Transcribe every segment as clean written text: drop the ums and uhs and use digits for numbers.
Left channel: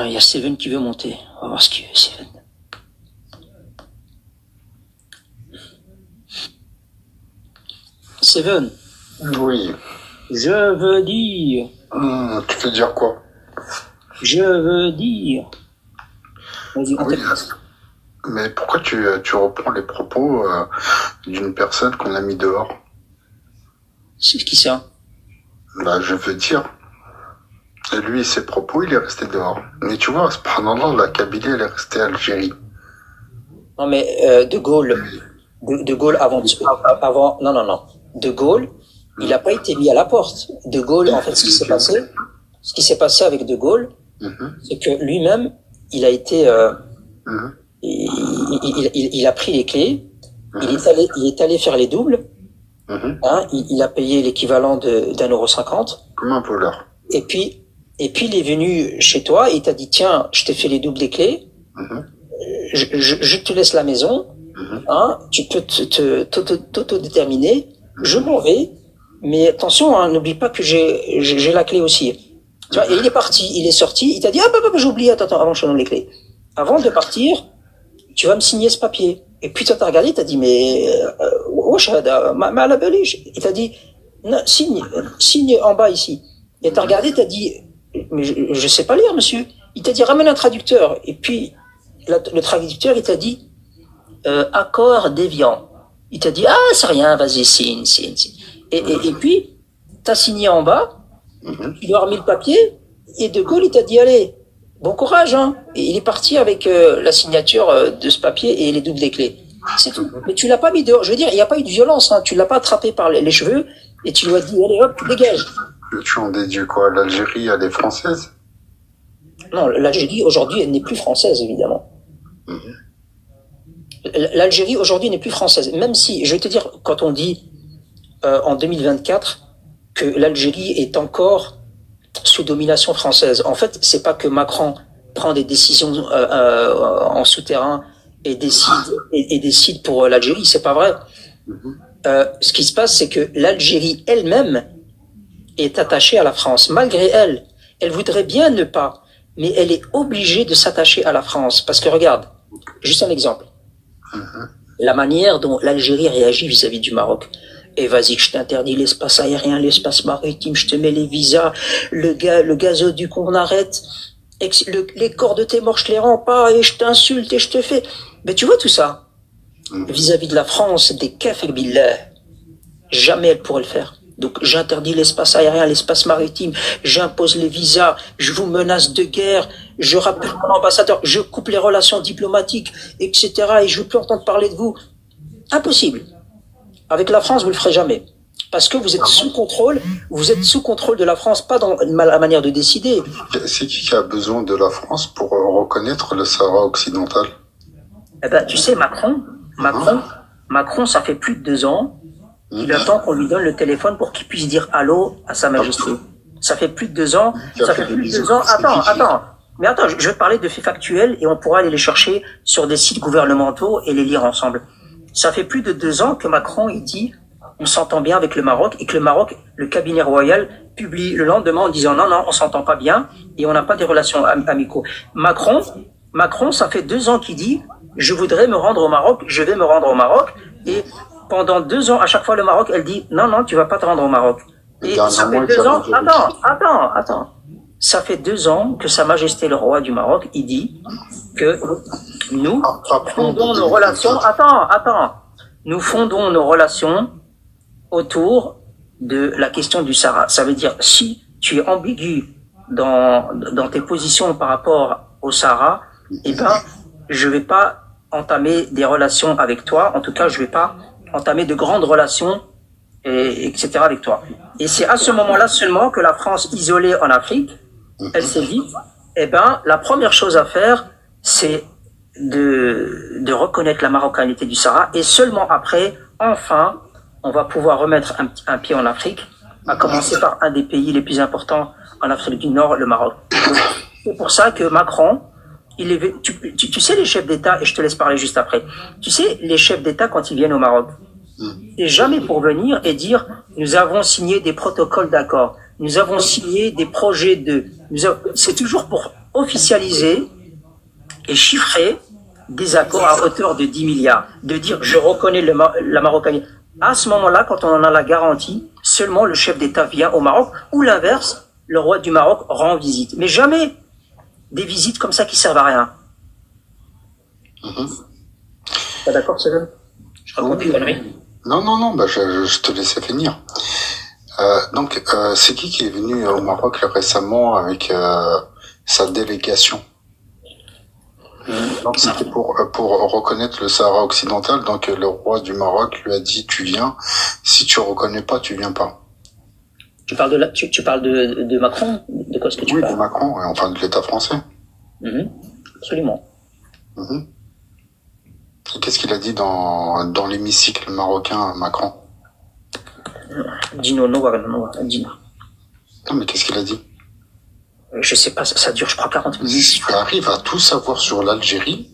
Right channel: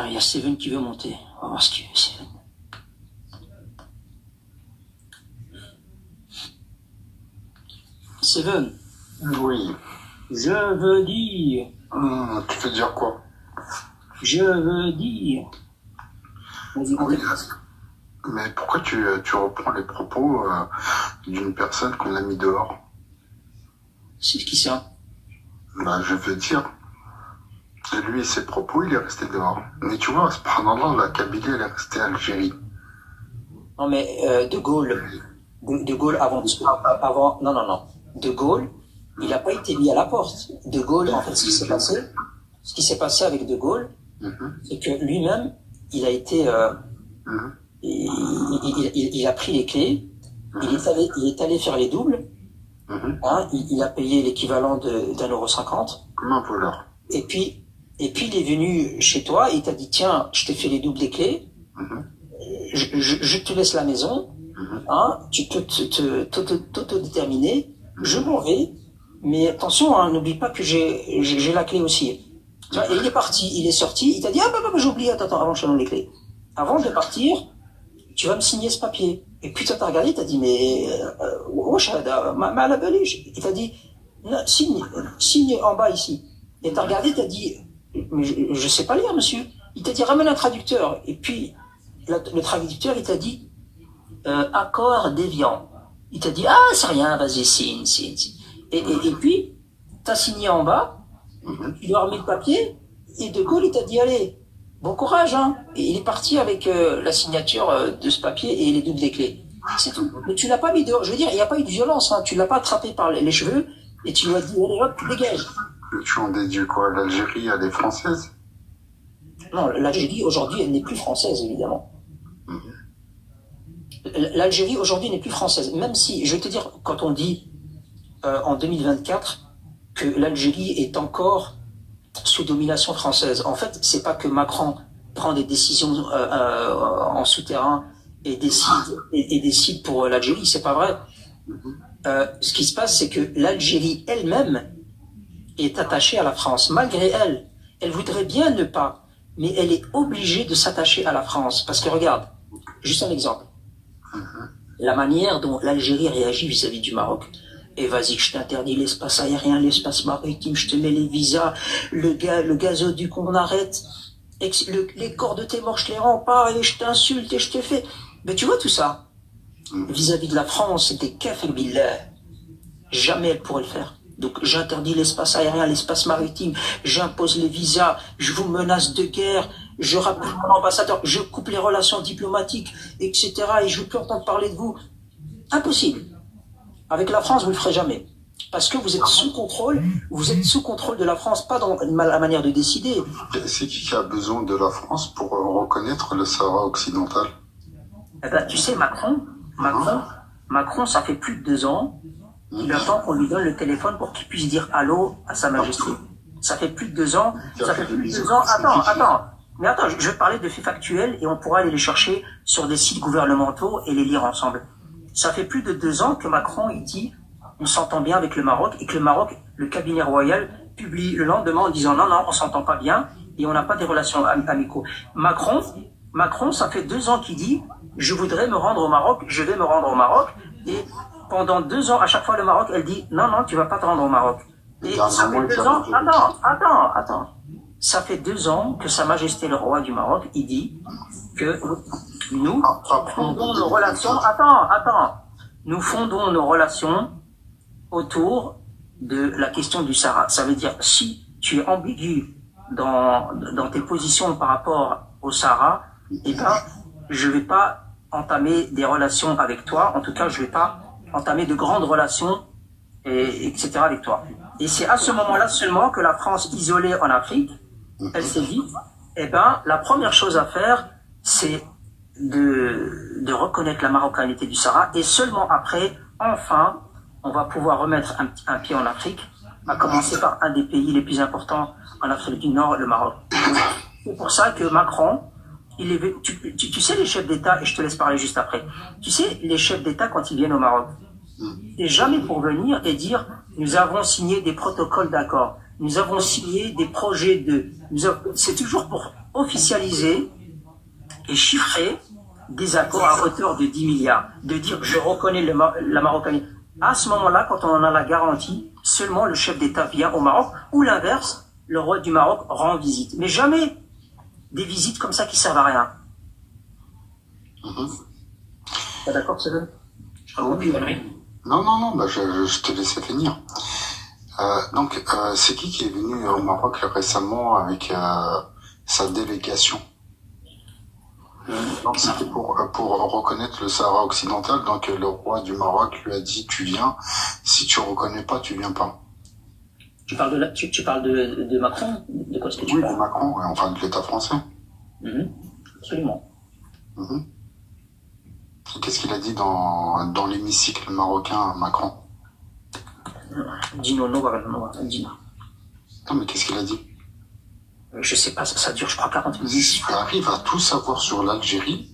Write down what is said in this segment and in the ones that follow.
Ah, il y a Steven qui veut monter. On va voir ce qu'il veut, Steven. Steven, Oui. je veux dire, Tu veux dire quoi? je veux dire. Vas-y, on Oui. t'écoute. Mais pourquoi tu reprends les propos d'une personne qu'on a mis dehors? C'est qui ça? Bah, je veux dire. Et lui, ses propos, il est resté dehors. Mais tu vois, subhanallah, la Kabylie, elle est restée Algérie. Non, mais De Gaulle, de Gaulle avant, non, non, non. De Gaulle, il n'a pas été mis à la porte. De Gaulle, en fait, ce qui s'est passé avec De Gaulle, c'est que lui-même, il a été, il a pris les clés, il est allé faire les doubles, hein, il a payé l'équivalent d'1,50 €. Comme un voleur. Et puis il est venu chez toi, il t'a dit, tiens, je t'ai fait les doubles des clés, je te laisse la maison, hein, tu peux t'autodéterminer, je m'en vais, mais attention, hein, n'oublie pas que j'ai la clé aussi. Tu vois, et il est parti, il est sorti, il t'a dit, ah bah, j'ai oublié, attends, avant je te donne les clés. Avant de partir, tu vas me signer ce papier. Et puis toi t'as regardé, t'as dit, mais, wesh hada, ma la beliche. Il t'a dit, non, signe en bas ici. Et t'as regardé, t'as dit, mais je sais pas lire, monsieur. Il t'a dit, ramène un traducteur. Et puis, le traducteur, il t'a dit, accord déviant. Il t'a dit, ah, c'est rien, vas-y, signe. Et puis, t'as signé en bas, tu lui as remis le papier, et De Gaulle, il t'a dit, allez, bon courage, hein. Et il est parti avec la signature de ce papier et les doubles des clés. C'est tout. Mais tu l'as pas mis dehors. Je veux dire, il n'y a pas eu de violence, hein. Tu l'as pas attrapé par les cheveux, et tu lui as dit, allez, hop, tu dégages. Tu en déduis quoi? L'Algérie, elle est française? Non, l'Algérie, aujourd'hui, elle n'est plus française, évidemment. L'Algérie, aujourd'hui, n'est plus française. Même si, je vais te dire, quand on dit en 2024 que l'Algérie est encore sous domination française, en fait, c'est pas que Macron prend des décisions en souterrain et décide pour l'Algérie, c'est pas vrai. Ce qui se passe, c'est que l'Algérie elle-même est attachée à la France, malgré elle. Elle voudrait bien ne pas, mais elle est obligée de s'attacher à la France. Parce que regarde, juste un exemple. La manière dont l'Algérie réagit vis-à-vis du Maroc. Et vas-y, je t'interdis l'espace aérien, l'espace maritime, je te mets les visas, le gazoduc, on arrête, les corps de tes morts, je les rends pas, et je t'insulte, et je te fais. Mais tu vois tout ça, vis-à-vis de la France, des kafir billah, jamais elle pourrait le faire. Donc j'interdis l'espace aérien, l'espace maritime, j'impose les visas, je vous menace de guerre, je rappelle mon ambassadeur, je coupe les relations diplomatiques, etc. Et je veux plus entendre parler de vous. Impossible. Avec la France, vous le ferez jamais. Parce que vous êtes sous contrôle de la France, pas dans la manière de décider. C'est qui a besoin de la France pour reconnaître le Sahara occidental? Eh ben, tu sais, Macron, ça fait plus de 2 ans, il attend qu'on lui donne le téléphone pour qu'il puisse dire allô à Sa Majesté. Ça fait plus de 2 ans, Attends. Mais attends, je vais te parler de faits factuels et on pourra aller les chercher sur des sites gouvernementaux et les lire ensemble. Ça fait plus de 2 ans que Macron, il dit, on s'entend bien avec le Maroc, et que le Maroc, le cabinet royal, publie le lendemain en disant non, on s'entend pas bien et on n'a pas des relations amicaux. Macron, ça fait 2 ans qu'il dit, je voudrais me rendre au Maroc, je vais me rendre au Maroc, et pendant 2 ans, à chaque fois, le Maroc, elle dit, non, tu vas pas te rendre au Maroc. Et ça fait 2 ans, attends. Ça fait 2 ans que Sa Majesté le roi du Maroc, il dit que nous fondons nos relations, nous fondons nos relations autour de la question du Sahara. Ça veut dire, si tu es ambigu dans tes positions par rapport au Sahara, eh ben, je vais pas entamer des relations avec toi. En tout cas, je vais pas entamer de grandes relations, etc. avec toi. Et c'est à ce moment-là seulement que la France, isolée en Afrique, elle s'est dit, eh ben, la première chose à faire, c'est de reconnaître la marocanité du Sahara, et seulement après, enfin, on va pouvoir remettre un pied en Afrique, à commencer par un des pays les plus importants en Afrique du Nord, le Maroc. C'est pour ça que Macron, tu sais les chefs d'État, et je te laisse parler juste après, tu sais les chefs d'État quand ils viennent au Maroc, c'est jamais pour venir et dire nous avons signé des protocoles d'accord, nous avons signé des projets c'est toujours pour officialiser et chiffrer des accords à hauteur de 10 milliards. De dire, je reconnais la Marocaine. À ce moment-là, quand on en a la garantie, seulement le chef d'État vient au Maroc, ou l'inverse, le roi du Maroc rend visite. Mais jamais des visites comme ça qui servent à rien. Pas d'accord, Céline? Je raconte des conneries. Non, bah, je te laissais finir. Donc, c'est qui est venu au Maroc récemment avec sa délégation? Donc, c'était pour reconnaître le Sahara occidental. Donc, le roi du Maroc lui a dit, tu viens. Si tu reconnais pas, tu viens pas. Tu parles de Macron? De quoi est-ce que tu parles? Oui, de Macron, enfin de l'État français. Absolument. Et qu'est-ce qu'il a dit dans l'hémicycle marocain, Macron? Dino, non, Dino. Non, mais qu'est-ce qu'il a dit? Je sais pas, ça dure, je crois, 40 minutes. Si tu arrives à tout savoir sur l'Algérie,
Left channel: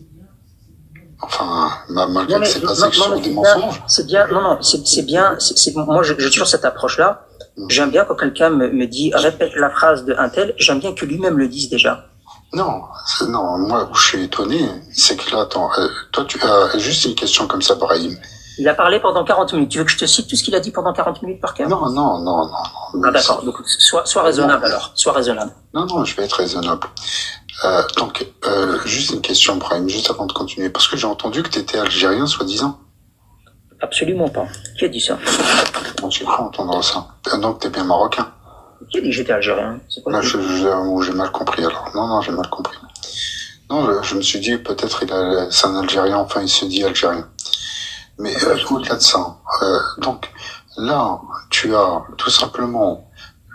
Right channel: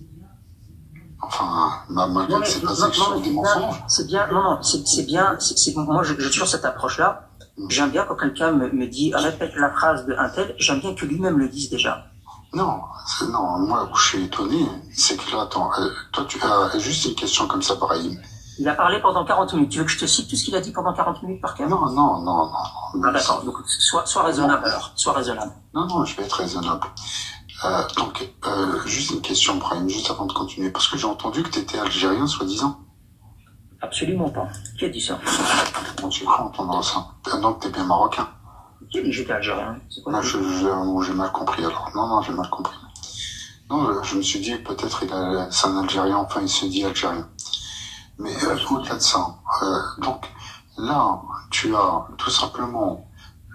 enfin, malgré que c'est basé sur des mensonges. C'est bien, c'est bien, moi, j'ai toujours cette approche-là. J'aime bien quand quelqu'un me dit, répète la phrase de un tel, j'aime bien que lui-même le dise déjà. Non, moi, où je suis étonné, c'est que là, attends, toi, tu as juste une question comme ça, Brahim. Il a parlé pendant 40 minutes. Tu veux que je te cite tout ce qu'il a dit pendant 40 minutes par cœur? Non. Ah, d'accord. Donc, sois raisonnable alors. Sois raisonnable. Non, je vais être raisonnable. Donc, juste une question, Brahim, juste avant de continuer. Parce que j'ai entendu que tu étais algérien, soi-disant. Absolument pas. Qui a dit ça? Bon, j'ai cru entendre ça. Donc, t'es bien marocain. Qui a dit que j'étais algérien? C'est quoi? J'ai mal compris alors. Non, j'ai mal compris. Non, je me suis dit, peut-être c'est un Algérien, enfin, il se dit algérien. Mais au-delà de ça, donc là, tu as tout simplement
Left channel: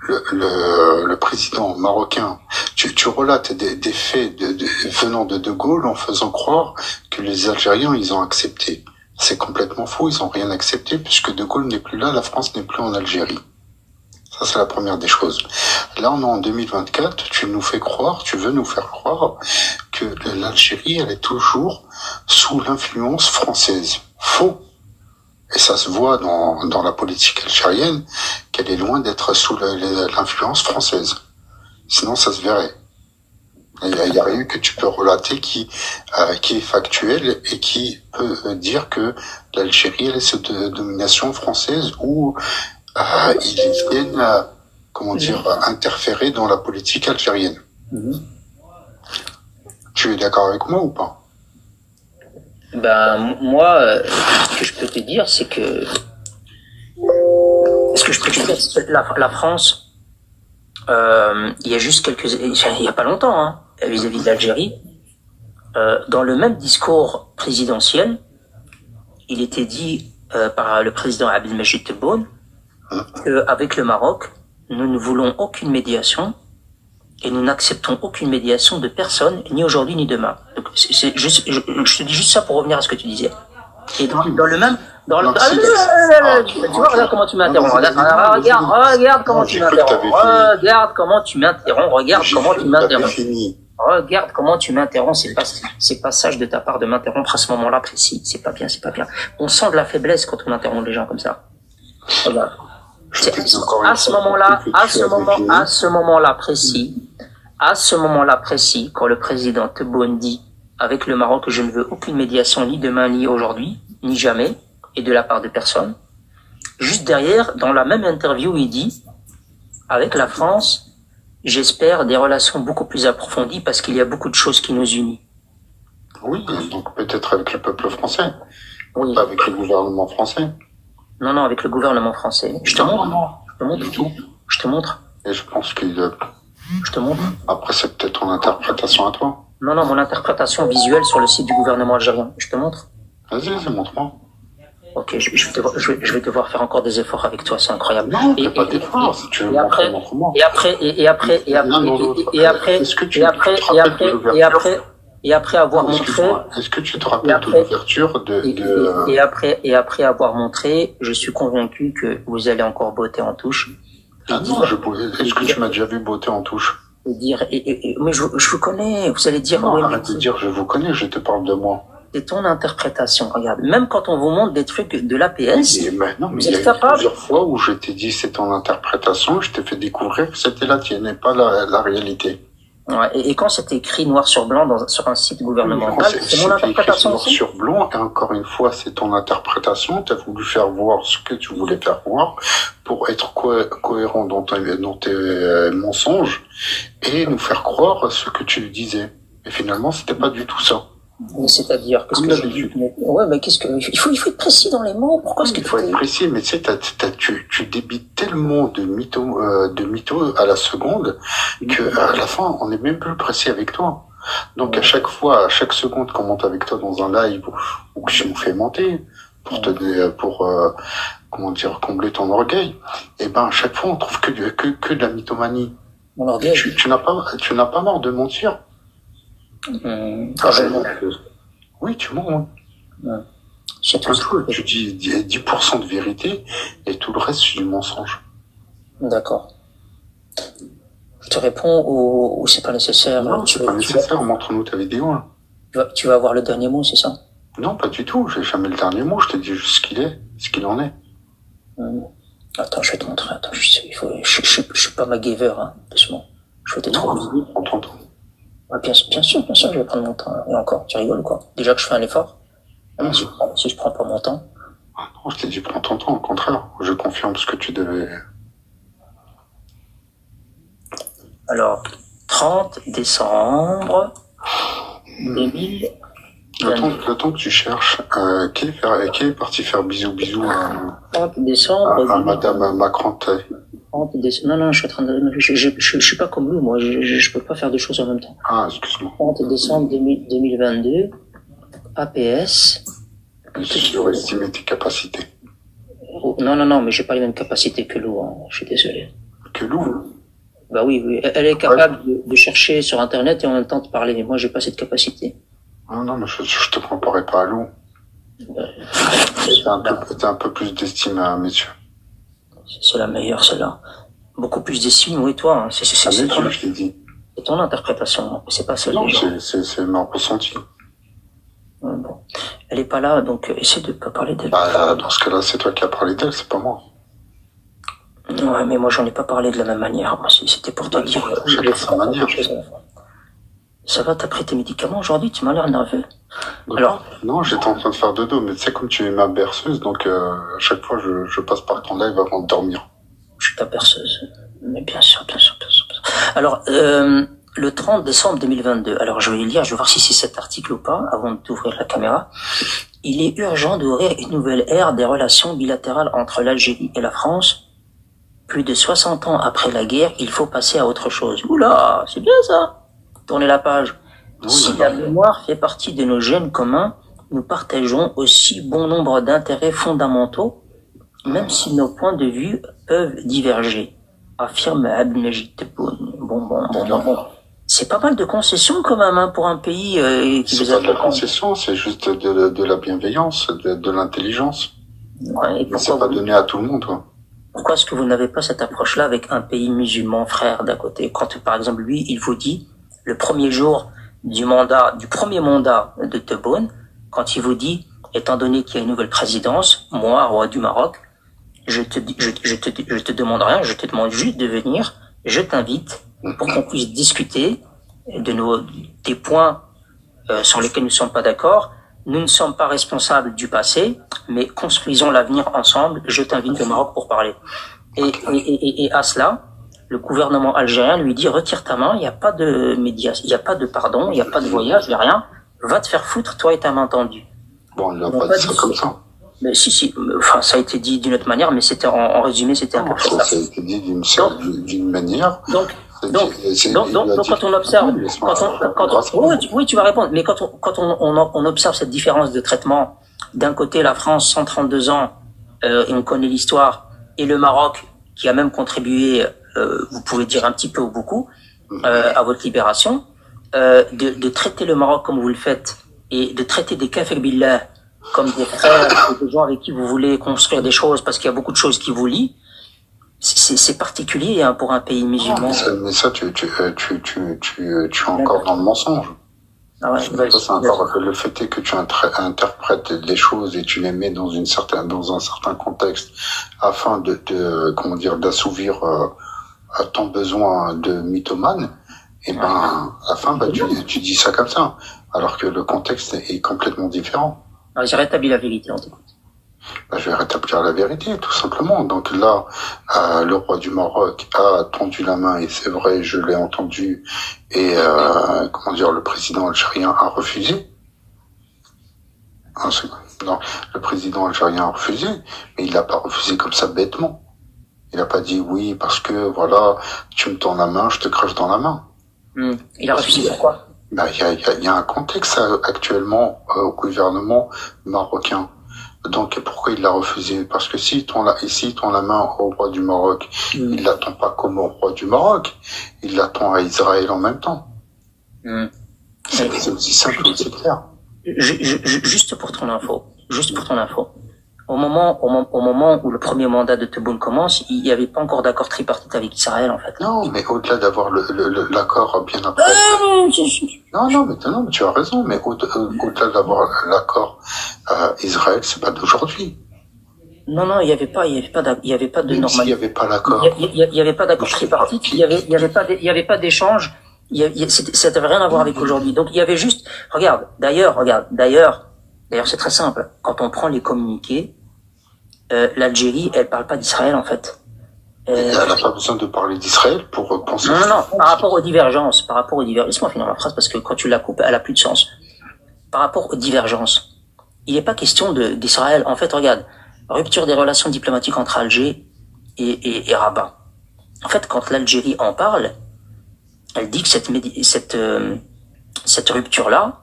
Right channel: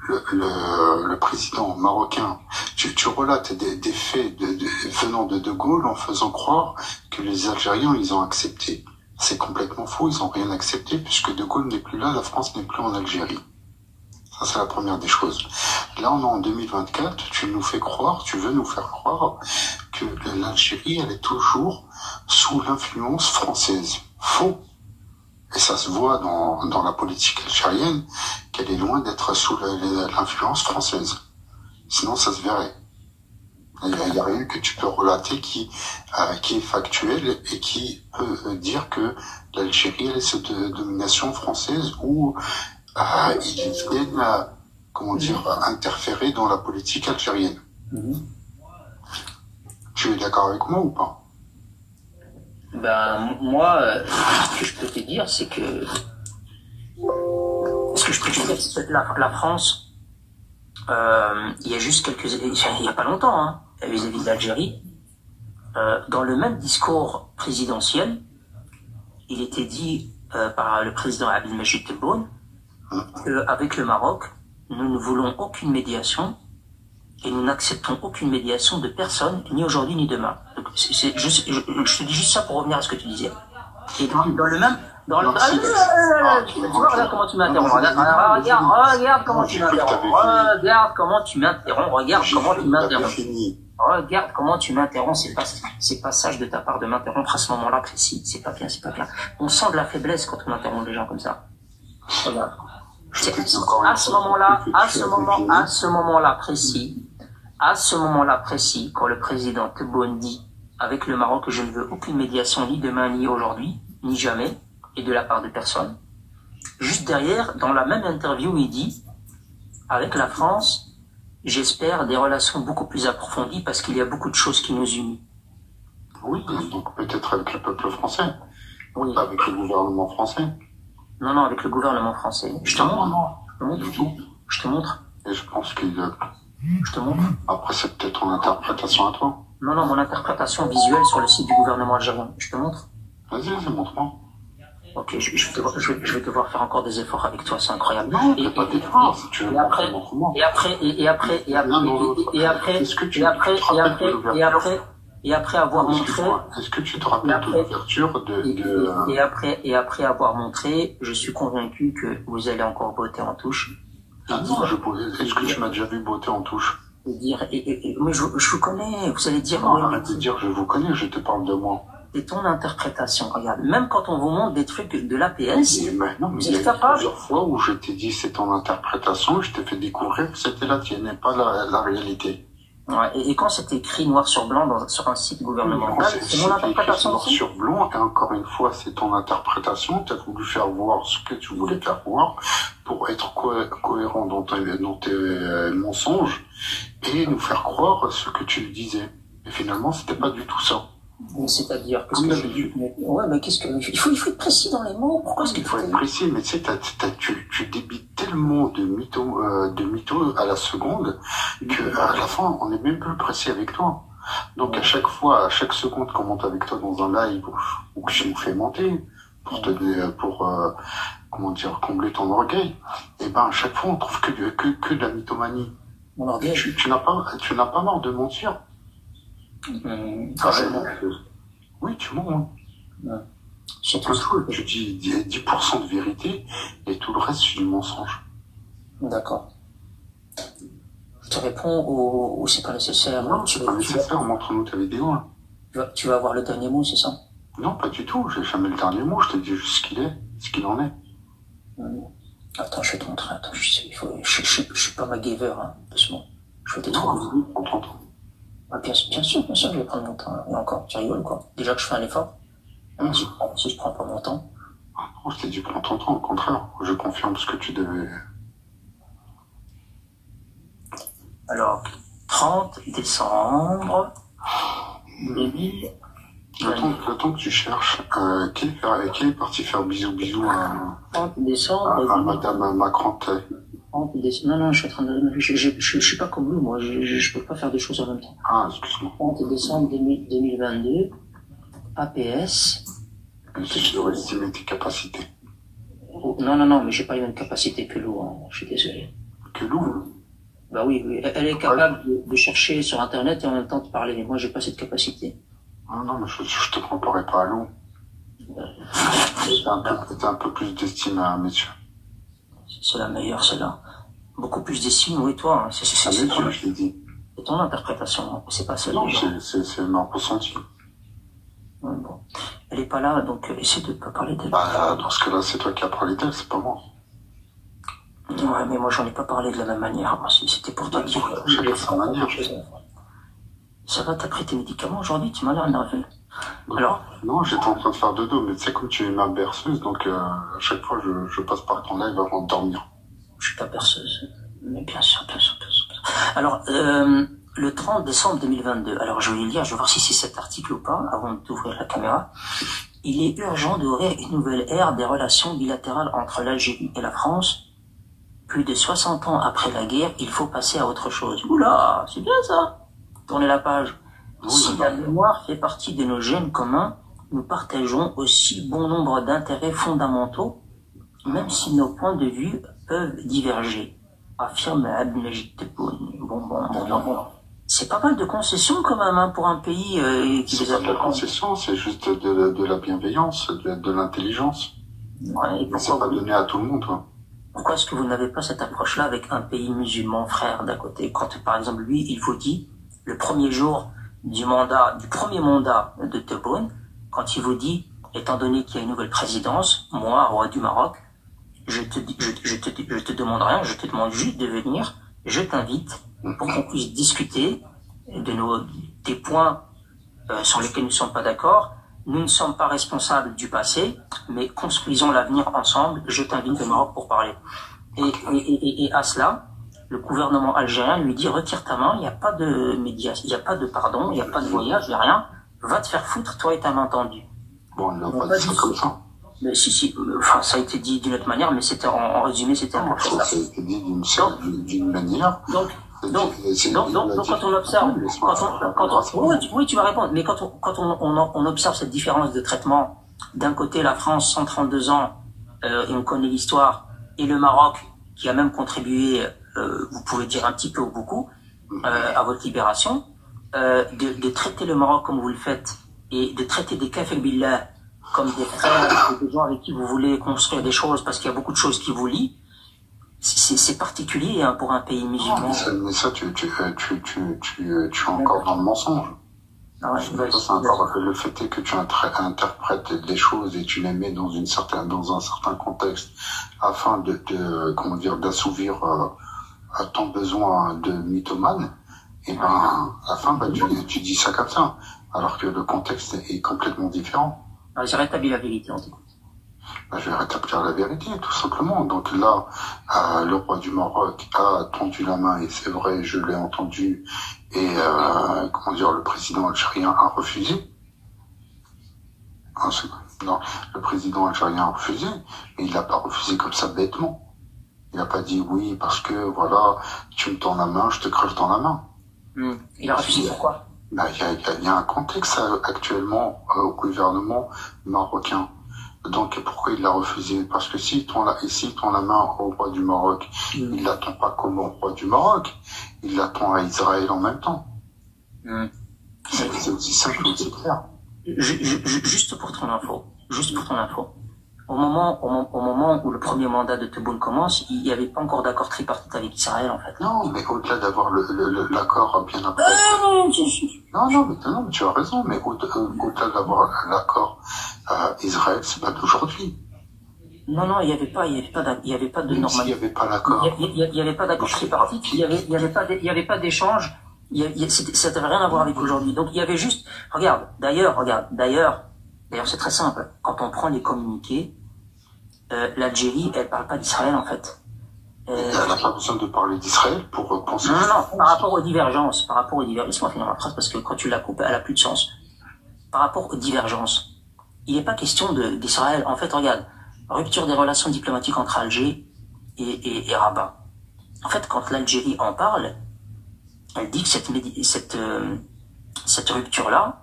le président marocain. Tu relates des faits venant de Gaulle en faisant croire que les Algériens, ils ont accepté. C'est complètement faux, ils ont rien accepté puisque De Gaulle n'est plus là, la France n'est plus en Algérie. Ça, c'est la première des choses. Là, on est en 2024, tu veux nous faire croire que l'Algérie, elle est toujours sous l'influence française. Faux. Et ça se voit dans la politique algérienne qu'elle est loin d'être sous l'influence française. Sinon, ça se verrait. Il y a rien que tu peux relater qui est factuel et qui peut dire que l'Algérie, elle est sous domination française ou ils viennent, interférer dans la politique algérienne. Tu es d'accord avec moi ou pas? Ben, moi, ce que je peux te dire, c'est que... Ce que je peux te dire, c'est que la France, il y a juste il y a pas longtemps, hein, vis-à-vis de l'Algérie, dans le même discours présidentiel, il était dit par le président Abdelmajid Tebboune qu'avec le Maroc, nous ne voulons aucune médiation et nous n'acceptons aucune médiation de personne, ni aujourd'hui ni demain. Donc, je te dis juste ça pour revenir à ce que tu disais. Et dans le même... tu vois, regarde comment tu m'interromps. Regarde comment tu m'interromps. Regarde comment tu m'interromps. Regarde comment tu m'interromps. Regarde comment tu m'interromps. C'est pas sage de ta part de m'interrompre à ce moment-là précis. C'est pas bien. On sent de la faiblesse quand on interrompt les gens comme ça. Regarde. À ce moment-là précis, quand le président Tebboune dit avec le Maroc que je ne veux aucune médiation ni demain ni aujourd'hui, ni jamais, et de la part de personne, juste derrière, dans la même interview, il dit avec la France, j'espère des relations beaucoup plus approfondies parce qu'il y a beaucoup de choses qui nous unissent. Oui, donc peut-être avec le peuple français, oui. Pas avec le gouvernement français. Non, avec le gouvernement français. Je te montre. Et je pense qu'il... Je te montre. Après, c'est peut-être ton interprétation à toi. Non, mon interprétation visuelle sur le site du gouvernement algérien. Je te montre. Vas-y, montre-moi. Ok, je vais devoir faire encore des efforts avec toi, c'est incroyable. Non, pas d'efforts, si tu veux. Et après avoir montré... Est-ce que tu te rappelles de l'ouverture Et après avoir montré, je suis convaincu que vous allez encore botter en touche. Ah non, est-ce que tu m'as déjà vu botter en touche? Mais je vous connais, vous allez dire... Non, arrête de dire je vous connais, je te parle de moi. C'est ton interprétation, regarde. Même quand on vous montre des trucs de l'APS, mais il y a plusieurs fois où je t'ai dit c'est ton interprétation, je t'ai fait découvrir que c'était la tienne et pas la réalité. Ouais, et quand c'est écrit noir sur blanc sur un site gouvernemental, c'est mon interprétation noir sur blanc, et encore une fois, c'est ton interprétation. Tu as voulu faire voir ce que tu voulais faire voir pour être cohérent dans tes mensonges et nous faire croire ce que tu disais. Et finalement, c'était pas du tout ça. C'est-à-dire, qu'est-ce que je dis? Ouais, mais qu'est-ce que il faut être précis dans les mots. Pourquoi est-ce qu'il faut être précis? Mais tu sais, tu débites tellement de mythos à la seconde que à la fin, on n'est même plus précis avec toi. Donc à chaque fois, à chaque seconde qu'on monte avec toi dans un live ou que je me fais monter pour comment dire, combler ton orgueil, et ben à chaque fois on trouve que de la mythomanie. Mon orgueil. Tu n'as pas marre de mentir. Oui, tu mens. Ouais. Tu dis 10% de vérité et tout le reste, c'est du mensonge. D'accord. Je te réponds ou c'est pas nécessaire? Non, c'est pas nécessaire. Montre-nous ta vidéo. Hein. Tu vas avoir le dernier mot, c'est ça? Non, pas du tout. J'ai jamais le dernier mot. Je te dis juste ce qu'il en est. Attends, je vais te montrer. Attends, je suis pas MacGyver, hein, doucement. Je vais t'être visible. On t'entend. Ah, bien sûr, je vais prendre mon temps. Et encore, tu rigoles, quoi. Déjà que je fais un effort. Si je prends pas mon temps. Ah non, je t'ai dit prends ton temps, au contraire. Je confirme ce que tu devais. Alors, 30 décembre 2000. Le temps que tu cherches, qui est parti faire bisous à 30 décembre à Madame Macron. 30 décembre. Non, je suis en train de. Je suis pas comme lui, moi. Je peux pas faire deux choses en même temps. Ah, excuse-moi. 30 décembre 2022. APS. Je surestimé tes capacités. Non, mais j'ai pas les mêmes capacités que Lou, hein. Je suis désolé. Que Lou? Bah oui. Elle est capable de chercher sur Internet et en même temps de parler, mais moi j'ai pas cette capacité. Non, mais je te comparais pas à Lou. T'as un peu plus d'estime à messieurs. C'est la meilleure, celle-là. Beaucoup plus d'estime, oui, toi. Hein. Je l'ai dit. C'est ton interprétation, c'est pas celle. Non, c'est ma ressenti. Bon. Elle est pas là, donc essaie de pas parler d'elle. Bah, dans ce cas-là, c'est toi qui as parlé d'elle, c'est pas moi. Ouais, mais moi j'en ai pas parlé de la même manière. Moi, c'était pour te dire. Chacun sa manière. Ça va, t'as pris tes médicaments aujourd'hui? Tu m'as l'air nerveux. Alors? Non, j'étais en train de faire dodo, mais tu sais, comme tu es ma berceuse, donc à chaque fois je passe par ton live avant de dormir. Je suis pas berceuse, mais bien sûr. Alors, le 30 décembre 2022, alors je vais lire, je vais voir si c'est cet article ou pas, avant d'ouvrir la caméra. Il est urgent d'ouvrir une nouvelle ère des relations bilatérales entre l'Algérie et la France. Plus de 60 ans après la guerre, il faut passer à autre chose. Oula, c'est bien ça. Tournez la page. Si la mémoire fait partie de nos gènes communs, nous partageons aussi bon nombre d'intérêts fondamentaux, même si nos points de vue peuvent diverger, affirme Abdelmajid Tebboune. Bon. C'est pas mal de concessions quand même, hein, pour un pays qui c'est pas de la concession, c'est juste de la bienveillance, de l'intelligence. Ouais, mais c'est pas donné à tout le monde, toi. Pourquoi est-ce que vous n'avez pas cette approche-là avec un pays musulman frère d'à côté? Quand, par exemple, lui, il vous dit, le premier jour du premier mandat de Tebboune, quand il vous dit, étant donné qu'il y a une nouvelle présidence, moi, roi du Maroc, je te demande rien, je te demande juste de venir, je t'invite pour qu'on puisse discuter des points sur lesquels nous ne sommes pas d'accord. Nous ne sommes pas responsables du passé, mais construisons l'avenir ensemble. Je t'invite au Maroc pour parler. Et à cela, le gouvernement algérien lui dit, retire ta main, il n'y a pas de médiation, il n'y a pas de pardon, il n'y a pas de voyage, il n'y a rien. Va te faire foutre, toi et ta main tendue. Bon, il n'a pas dit ça comme ça. Mais si, enfin, ça a été dit d'une autre manière, mais c'était en résumé, c'était un peu ça. Ça a été dit d'une manière. Donc, quand on observe, oui, tu vas répondre, mais quand on observe cette différence de traitement, d'un côté la France, 132 ans, et on connaît l'histoire, et le Maroc, qui a même contribué, vous pouvez dire un petit peu ou beaucoup, à votre libération, de traiter le Maroc comme vous le faites, et de traiter des kafir billah comme des frères, des gens avec qui vous voulez construire des choses, parce qu'il y a beaucoup de choses qui vous lient, c'est particulier, hein, pour un pays musulman. Mais ça, tu es encore dans le mensonge. Ah ouais, c'est encore le fait est que tu interprètes les choses et tu les mets dans un certain contexte afin d'assouvir ton besoin de mythomane. Et ben, à la fin, bah, tu dis ça comme ça, alors que le contexte est complètement différent. J'ai rétabli la vérité, en tout cas. Bah, je vais rétablir la vérité, tout simplement. Donc là, le roi du Maroc a tendu la main, et c'est vrai, je l'ai entendu, et comment dire, le président algérien a refusé. Non, le président algérien a refusé, mais il l'a pas refusé comme ça bêtement. Il n'a pas dit oui parce que voilà, tu me tends la main, je te crache dans la main. Il a refusé pourquoi? Bah, il y a un contexte actuellement au gouvernement marocain. Donc pourquoi il l'a refusé? Parce que s'il tend la main au roi du Maroc, il l'attend pas comme au roi du Maroc, il l'attend à Israël en même temps. C'est aussi simple, c'est clair. Juste pour ton info, au moment où le premier mandat de Tebboune commence, il n'y avait pas encore d'accord tripartite avec Israël, en fait. Non, mais au-delà d'avoir l'accord bien après. Non, mais tu as raison, mais au-delà d'avoir l'accord Israël, c'est pas d'aujourd'hui. Non, il n'y avait pas de normalité. S'il n'y avait pas l'accord. Il y avait pas d'accord tripartite, il y avait pas d'échange, ça n'avait rien à voir avec aujourd'hui. Donc il y avait juste, regarde, d'ailleurs, c'est très simple. Quand on prend les communiqués, l'Algérie, elle parle pas d'Israël, en fait. Elle n'a pas besoin de parler d'Israël pour penser. Non, par rapport aux divergences, laisse-moi finir la phrase parce que quand tu la coupes, elle a plus de sens. Par rapport aux divergences, il n'est pas question d'Israël. En fait, regarde, rupture des relations diplomatiques entre Alger et Rabat. En fait, quand l'Algérie en parle, elle dit que cette rupture-là,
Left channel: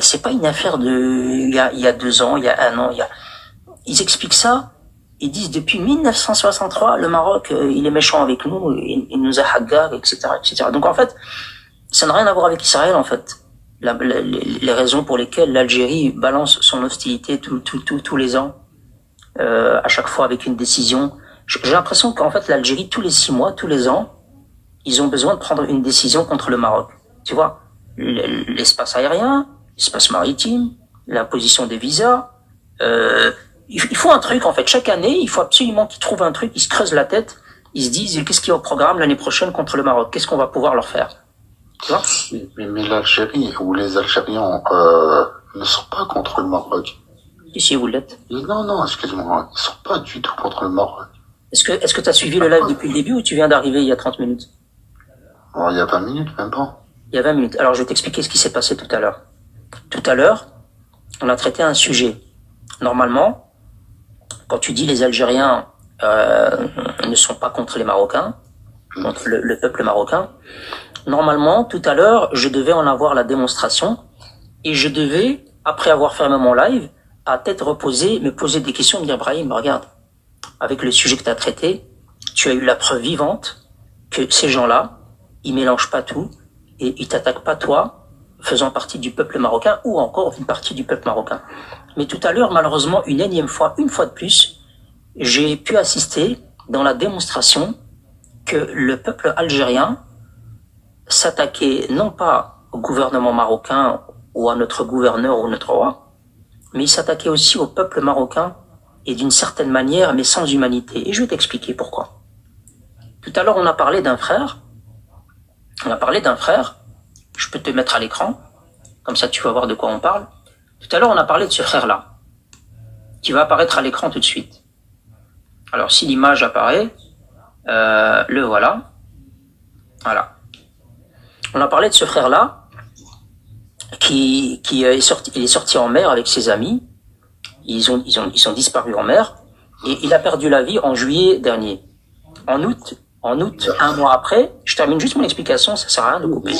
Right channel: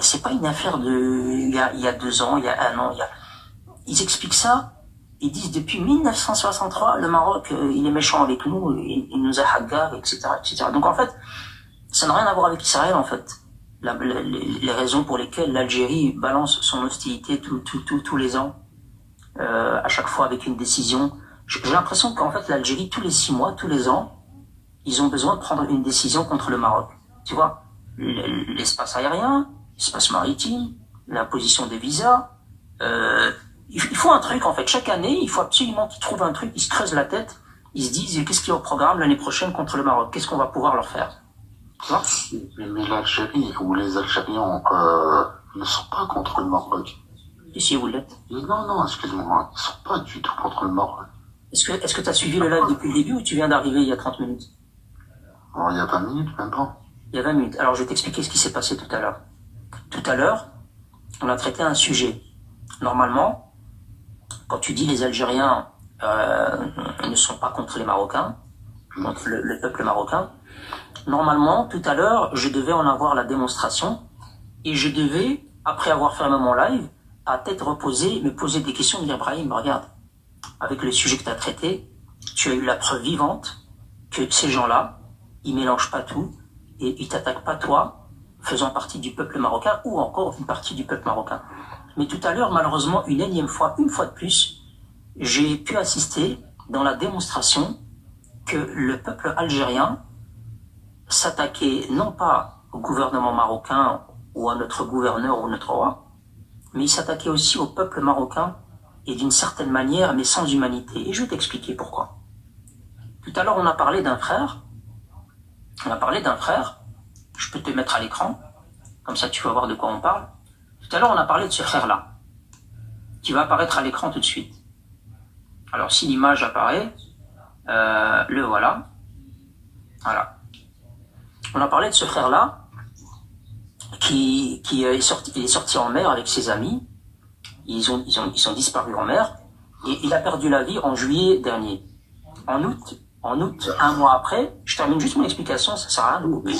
c'est pas une affaire il y a 2 ans, il y a 1 an, ils expliquent ça. Ils disent depuis 1963, le Maroc, il est méchant avec nous, il nous a hagar, etc., etc. Donc en fait, ça n'a rien à voir avec Israël, en fait. Les raisons pour lesquelles l'Algérie balance son hostilité tous les ans, à chaque fois avec une décision. J'ai l'impression qu'en fait, l'Algérie, tous les 6 mois, tous les ans, ils ont besoin de prendre une décision contre le Maroc. Tu vois, l'espace aérien, l'espace maritime, l'imposition des visas, il faut un truc, en fait. Chaque année, il faut absolument qu'ils trouvent un truc, ils se creusent la tête, ils se disent, qu'est-ce qu'il y a au programme l'année prochaine contre le Maroc? Qu'est-ce qu'on va pouvoir leur faire? Tu vois? Mais l'Algérie ou les Algériens ne sont pas contre le Maroc. Et si vous l'êtes? Non, excuse-moi, ils sont pas du tout contre le Maroc. Est-ce que tu as suivi le live depuis le début ou tu viens d'arriver il y a 30 minutes? Oh, il y a 20 minutes, même pas. Il y a 20 minutes. Alors, je vais t'expliquer ce qui s'est passé tout à l'heure. Tout à l'heure, on a traité un sujet. Normalement, quand tu dis les Algériens ne sont pas contre les Marocains, contre le peuple marocain, normalement, tout à l'heure, je devais en avoir la démonstration et je devais, après avoir fermé mon live, à tête reposée, me poser des questions, me dire, Brahim, regarde, avec le sujet que tu as traité, tu as eu la preuve vivante que ces gens-là, ils mélangent pas tout et ils t'attaquent pas toi, faisant partie du peuple marocain ou encore une partie du peuple marocain. Mais tout à l'heure, malheureusement, une fois de plus, j'ai pu assister dans la démonstration que le peuple algérien s'attaquait non pas au gouvernement marocain ou à notre gouverneur ou notre roi, mais il s'attaquait aussi au peuple marocain et d'une certaine manière, mais sans humanité. Et je vais t'expliquer pourquoi. Tout à l'heure, on a parlé d'un frère. Je peux te mettre à l'écran, comme ça tu vas voir de quoi on parle. Tout à l'heure, on a parlé de ce frère-là, qui va apparaître à l'écran tout de suite. Alors, si l'image apparaît, le voilà. Voilà. On a parlé de ce frère-là, qui est sorti en mer avec ses amis. Ils sont disparus en mer, et il a perdu la vie en juillet dernier. En août, 1 mois après, je termine juste mon explication, ça sert à rien de couper.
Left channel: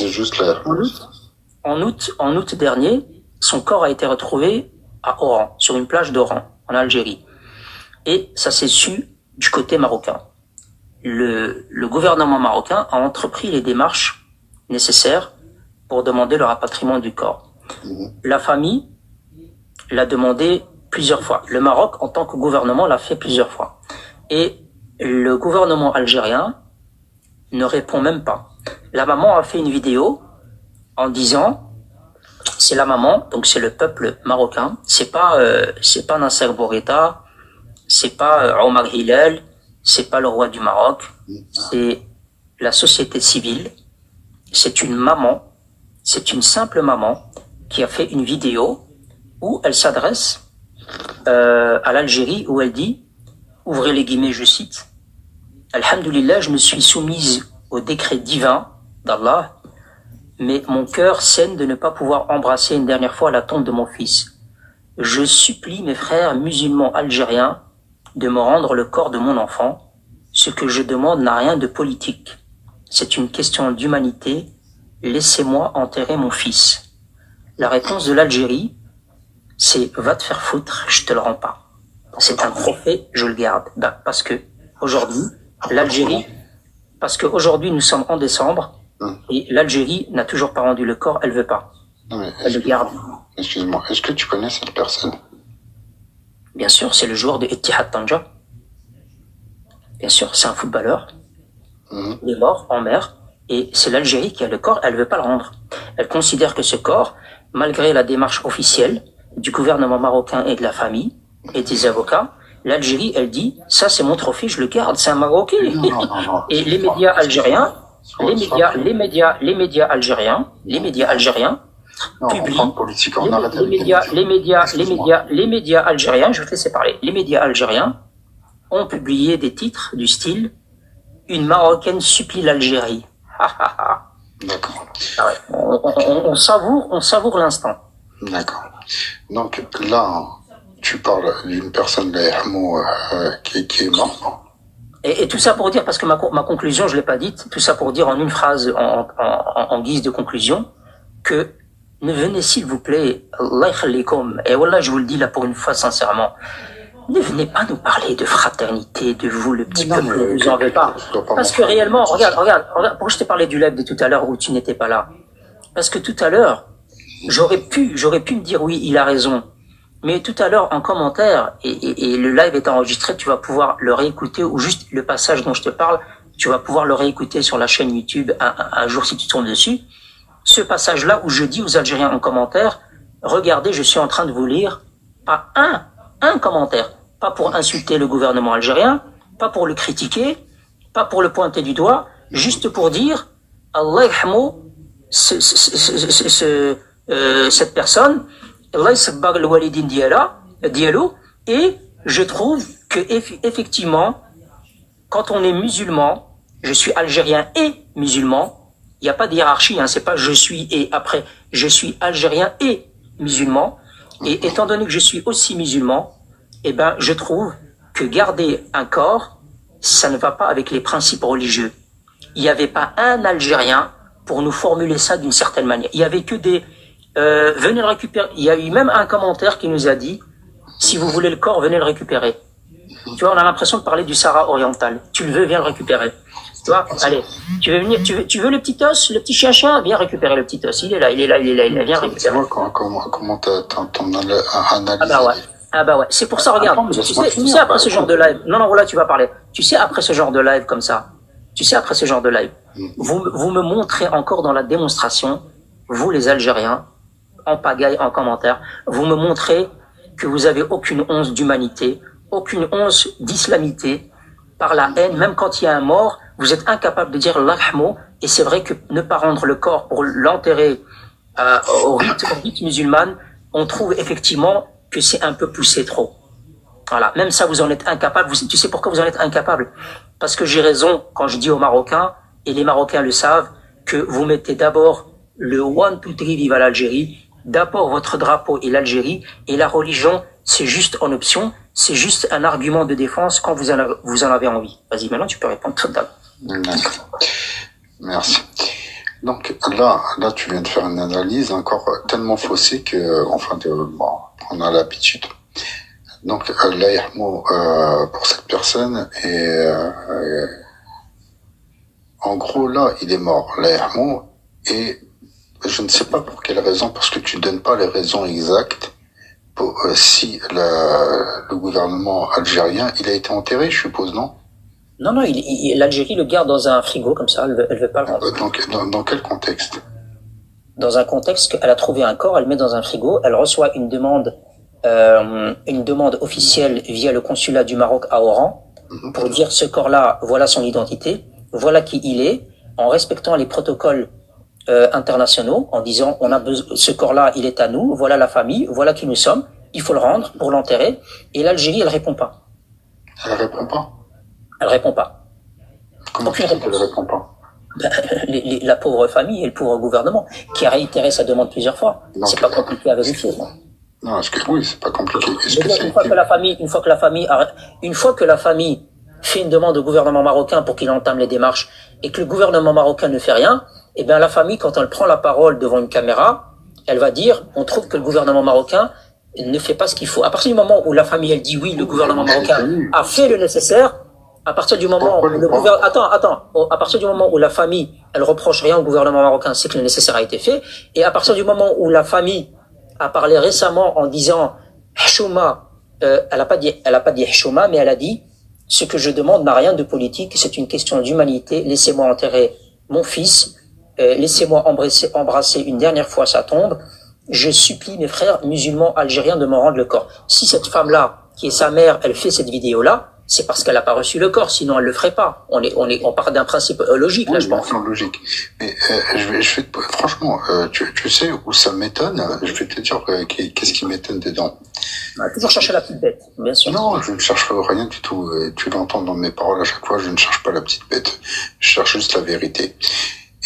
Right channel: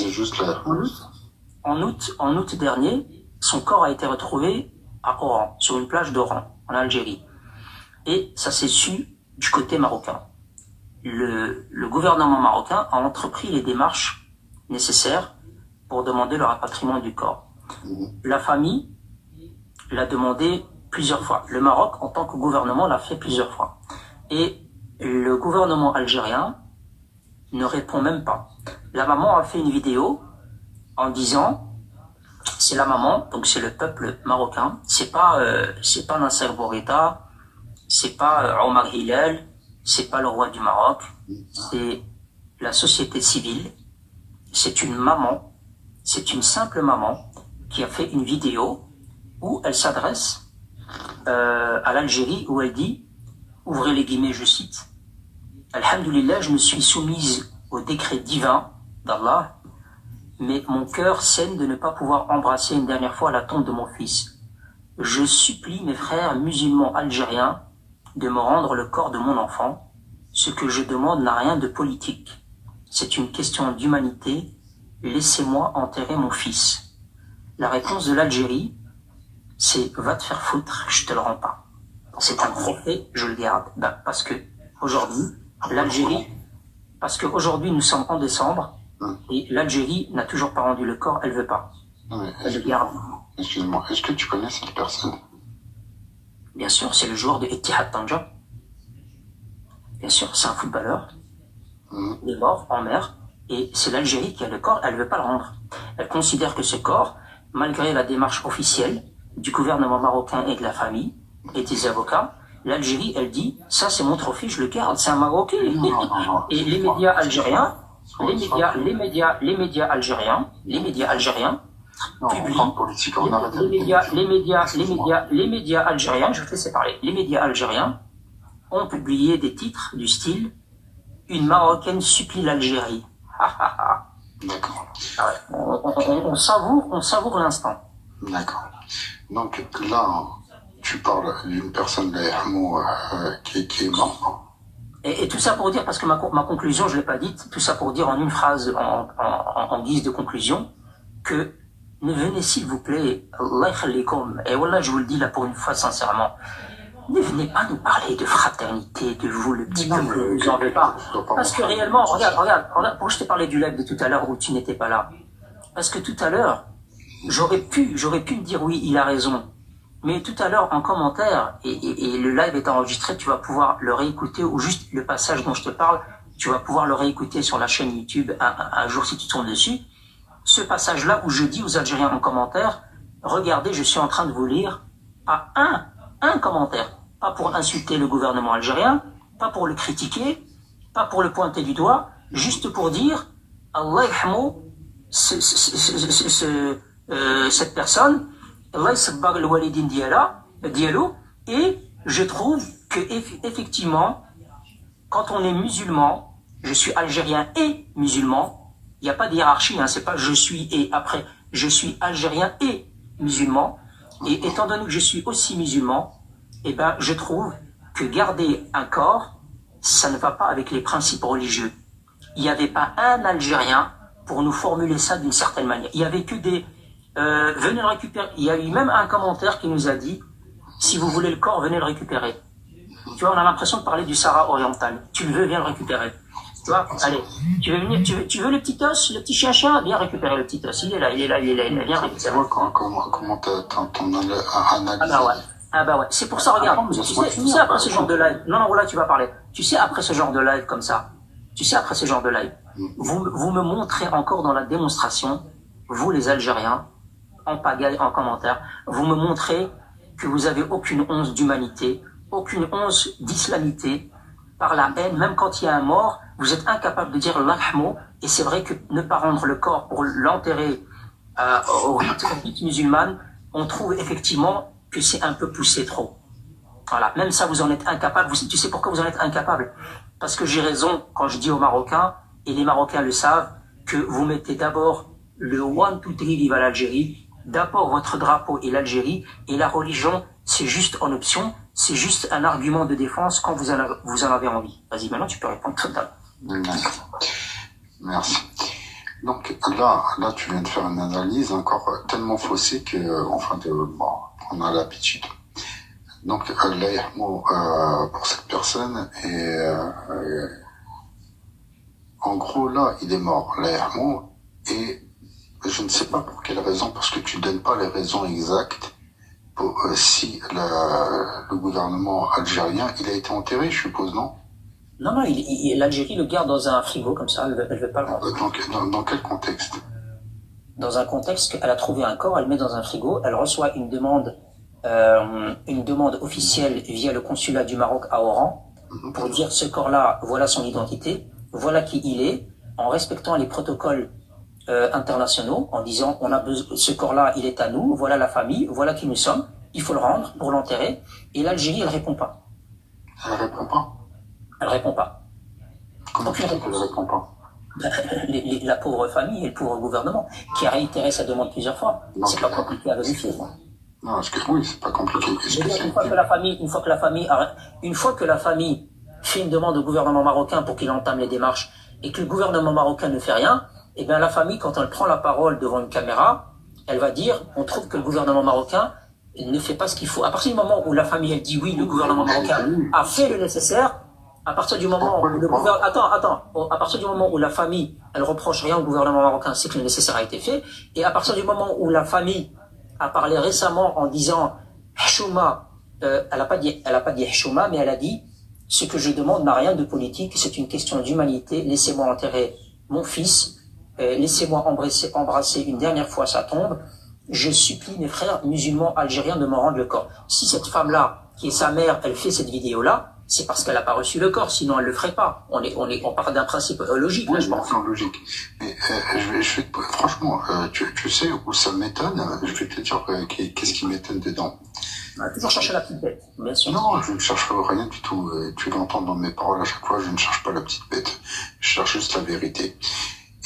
En août dernier, son corps a été retrouvé à Oran, sur une plage d'Oran, en Algérie. Et ça s'est su du côté marocain. Le gouvernement marocain a entrepris les démarches nécessaires pour demander le rapatriement du corps. La famille l'a demandé plusieurs fois. Le Maroc, en tant que gouvernement, l'a fait plusieurs fois. Et le gouvernement algérien ne répond même pas. La maman a fait une vidéo en disant, c'est la maman, donc c'est le peuple marocain, c'est pas Nasser Bourguiba, c'est pas Omar Hillel, c'est pas le roi du Maroc, c'est la société civile c'est une maman, c'est une simple maman qui a fait une vidéo où elle s'adresse à l'Algérie, où elle dit, ouvrez les guillemets, je cite, Alhamdulillah, je me suis soumise au décret divin d'Allah, mais mon cœur saigne de ne pas pouvoir embrasser une dernière fois la tombe de mon fils. Je supplie mes frères musulmans algériens de me rendre le corps de mon enfant. Ce que je demande n'a rien de politique. C'est une question d'humanité. Laissez-moi enterrer mon fils. La réponse de l'Algérie, c'est va te faire foutre, je te le rends pas. C'est un trophée, je le garde. Ben, parce que aujourd'hui, l'Algérie, parce qu'aujourd'hui nous sommes en décembre et l'Algérie n'a toujours pas rendu le corps, elle veut pas. Elle le garde. Excuse-moi, est-ce que tu connais cette personne? Bien sûr, c'est le joueur de Ittihad Tanja. Bien sûr, c'est un footballeur. Il est mort en mer et c'est l'Algérie qui a le corps, elle veut pas le rendre. Elle considère que ce corps, malgré la démarche officielle du gouvernement marocain et de la famille et des avocats, l'Algérie, elle dit, ça c'est mon trophée, je le garde, c'est un Marocain. Non. Et les médias algériens, les médias algériens publient, les médias algériens, je vais te laisser parler, les médias algériens ont publié des titres du style, une Marocaine supplie l'Algérie. D'accord. Ah ouais. On savoure l'instant. D'accord. Donc là, tu parles d'une personne de qui est morte. Et tout ça pour dire, parce que ma conclusion, je l'ai pas dite, tout ça pour dire en une phrase, en guise de conclusion, que ne venez s'il vous plaît, Allah yakhlikum, et voilà, je vous le dis là pour une fois sincèrement, ne venez pas nous parler de fraternité, de vous le petit peuple, ne vous en veux pas. Parce que réellement, regarde, pourquoi je t'ai parlé du live de tout à l'heure où tu n'étais pas là? Parce que tout à l'heure, j'aurais pu me dire oui, il a raison. Mais tout à l'heure, en commentaire, et le live est enregistré, tu vas pouvoir le réécouter, ou juste le passage dont je te parle, tu vas pouvoir le réécouter sur la chaîne YouTube un jour si tu tombes dessus. Ce passage-là où je dis aux Algériens en commentaire, regardez, je suis en train de vous lire, pas un commentaire, pas pour insulter le gouvernement algérien, pas pour le critiquer, pas pour le pointer du doigt, juste pour dire, Allah yahmou, cette personne, et je trouve que effectivement, quand on est musulman, je suis algérien et musulman, il n'y a pas de hiérarchie, hein, c'est pas je suis et après, je suis algérien et musulman, et étant donné que je suis aussi musulman, eh ben, je trouve que garder un corps, ça ne va pas avec les principes religieux. Il n'y avait pas un Algérien pour nous formuler ça d'une certaine manière. Il y avait que des venez le récupérer. Il y a eu même un commentaire qui nous a dit, si vous voulez le corps, venez le récupérer. Tu vois, on a l'impression de parler du Sahara oriental. Tu le veux, viens le récupérer. Tu vois, allez, tu veux venir, tu veux le petit os, le petit chien, viens récupérer le petit os. Il est là, viens récupérer. Comment t'en analysé? Ah bah ouais. C'est pour ça, regarde. Tu sais, après ce genre de live, non, voilà, tu vas parler. Tu sais, après ce genre de live comme ça, vous me montrez encore dans la démonstration, vous les Algériens, en pagaille, en commentaire, vous me montrez que vous avez aucune once d'humanité, aucune once d'islamité, par la haine, même quand il y a un mort, vous êtes incapable de dire l'ahmo, et c'est vrai que ne pas rendre le corps pour l'enterrer au rite musulman, on trouve effectivement que c'est un peu poussé trop. Voilà, même ça vous en êtes incapable. Tu sais pourquoi vous en êtes incapable? Parce que j'ai raison quand je dis aux Marocains, et les Marocains le savent, que vous mettez d'abord le one, two, three, vive à l'Algérie, d'abord votre drapeau et l'Algérie, et la religion, c'est juste en option, c'est juste un argument de défense quand vous en avez envie. Vas-y, maintenant tu peux répondre totalement. D'accord. Merci. Donc là, tu viens de faire une analyse encore tellement faussée que, on a l'habitude. Donc, l'Aïrmo, pour cette personne, en gros, là, il est mort, l'Aïrmo, et je ne sais pas pour quelle raison, parce que tu donnes pas les raisons exactes pour si le gouvernement algérien, il a été enterré, je suppose, non? Non, l'Algérie le garde dans un frigo comme ça, elle veut pas le rendre. Dans quel contexte? Dans un contexte qu'elle a trouvé un corps, elle le met dans un frigo, elle reçoit une demande officielle via le consulat du Maroc à Oran pour dire ce corps-là, voilà son identité, voilà qui il est, en respectant les protocoles internationaux en disant on a besoin, ce corps-là, il est à nous, voilà la famille, voilà qui nous sommes, il faut le rendre pour l'enterrer. Et l'Algérie, elle répond pas. Elle répond pas. Elle répond pas. Comment tu dis qu'elle répond pas? La pauvre famille et le pauvre gouvernement qui a réitéré sa demande plusieurs fois. C'est pas compliqué à vérifier. Non, est-ce que oui, c'est pas compliqué. Une fois que la famille fait une demande au gouvernement marocain pour qu'il entame les démarches et que le gouvernement marocain ne fait rien, eh bien la famille, quand elle prend la parole devant une caméra, elle va dire on trouve que le gouvernement marocain ne fait pas ce qu'il faut. À partir du moment où la famille elle dit oui, le gouvernement marocain a fait le nécessaire, à partir du moment où le gouvernement à partir du moment où la famille elle reproche rien au gouvernement marocain, c'est que le nécessaire a été fait, et à partir du moment où la famille a parlé récemment en disant Hchouma, elle a pas dit Hchouma, mais elle a dit ce que je demande n'a rien de politique, c'est une question d'humanité, laissez-moi enterrer mon fils, laissez-moi embrasser une dernière fois sa tombe, je supplie mes frères musulmans algériens de me rendre le corps. Si cette femme-là, qui est sa mère, elle fait cette vidéo-là, c'est parce qu'elle n'a pas reçu le corps, sinon elle le ferait pas. On part d'un principe logique, là, je pense. Logique. Mais franchement, tu sais où ça m'étonne. Je vais te dire qu'est-ce qui m'étonne dedans. Toujours chercher la petite bête, bien sûr. Non, je ne cherche rien du tout. Tu l'entends dans mes paroles à chaque fois. Je ne cherche pas la petite bête. Je cherche juste la vérité.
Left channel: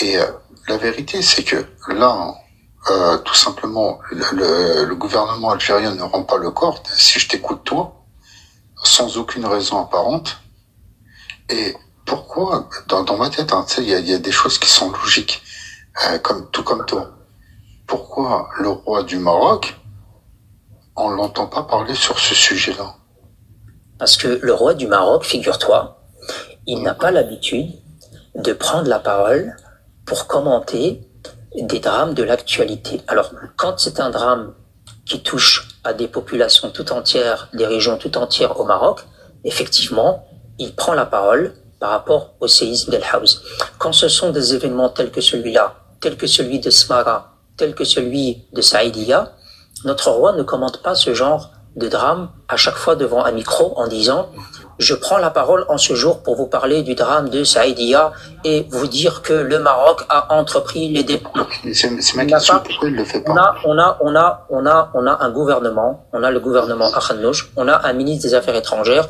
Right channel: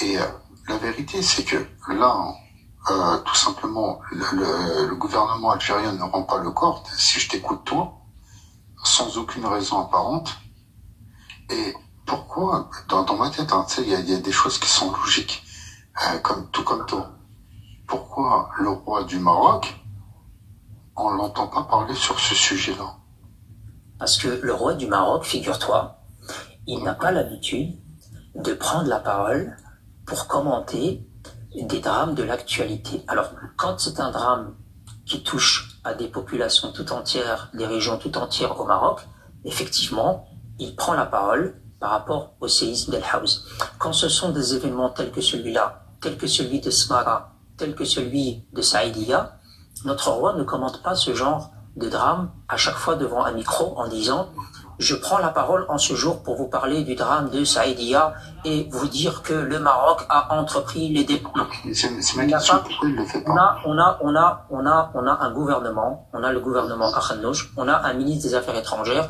Et la vérité, c'est que là, tout simplement, le gouvernement algérien ne rend pas le corps. Si je t'écoute toi, sans aucune raison apparente. Et pourquoi, dans ma tête, hein, tu sais, il y a des choses qui sont logiques, tout comme toi. Pourquoi le roi du Maroc, on l'entend pas parler sur ce sujet-là? Parce que le roi du Maroc, figure-toi, il n'a pas l'habitude de prendre la parole pour commenter des drames de l'actualité. Alors, quand c'est un drame qui touche à des populations tout entières, des régions tout entières au Maroc, effectivement, il prend la parole par rapport au séisme d'El Haouz. Quand ce sont des événements tels que celui-là, tels que celui de Smara, tels que celui de Saïdia, notre roi ne commente pas ce genre de drame à chaque fois devant un micro en disant « Je prends la parole en ce jour pour vous parler du drame de Saïdia et vous dire que le Maroc a entrepris les dépenses. » C'est ma question, pourquoi il le fait pas? On a un gouvernement, on a le gouvernement Akhnouch, on a un ministre des Affaires étrangères,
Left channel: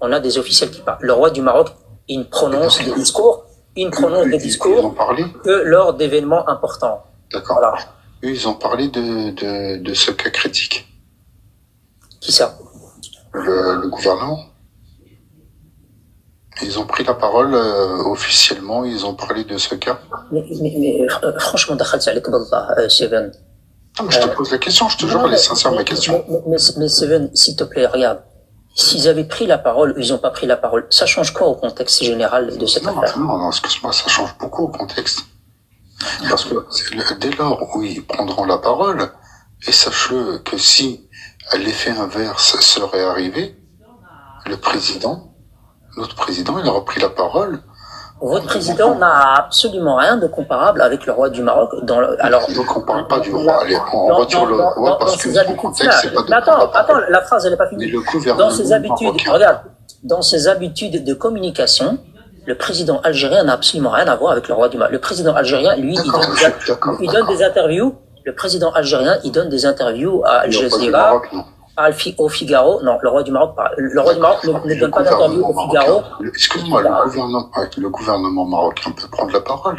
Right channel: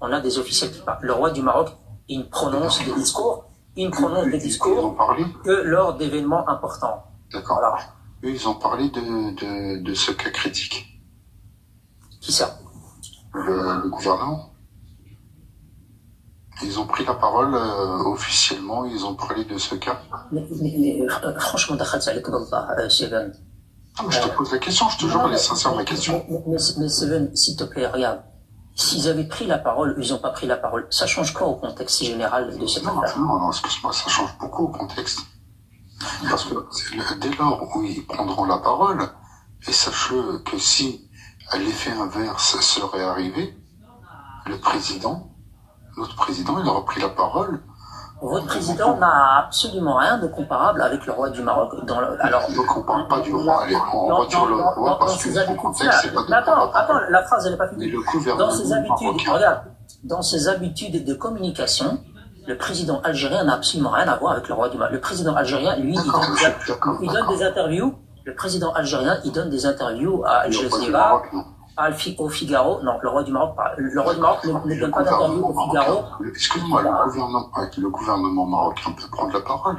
on a des officiels qui parlent. Le roi du Maroc, il prononce des discours, ils ont parlé que lors d'événements importants. D'accord. Voilà. Eux, ils ont parlé de ce cas critique. Qui ça? Le gouvernement. Ils ont pris la parole officiellement, ils ont parlé de ce cas. Mais franchement, Seven. Je te pose la question, je te jure, elle est sincère ma question. Mais Seven, s'il te plaît, regarde. S'ils avaient pris la parole, ils n'ont pas pris la parole. Ça change quoi au contexte général de cette affaire? Non, excuse-moi, ça change beaucoup au contexte. Parce que dès lors où ils prendront la parole, et sache-le que si l'effet inverse serait arrivé, notre président, il aura pris la parole. Votre président n'a absolument rien de comparable avec le roi du Maroc. Donc on parle pas du roi. Allez, on retire le roi parce que le contexte, c'est pas de attends, la phrase, elle n'est pas finie. Dans ses habitudes, marocain. Regarde, dans ses habitudes de communication, le président algérien n'a absolument rien à voir avec le roi du Maroc. Le président algérien, lui, il donne des interviews. Le président algérien, il donne des interviews à Al Jazeera, au Figaro. Non, le roi du Maroc ne donne pas d'interview au Figaro. Excuse-moi, le gouvernement marocain peut prendre la parole.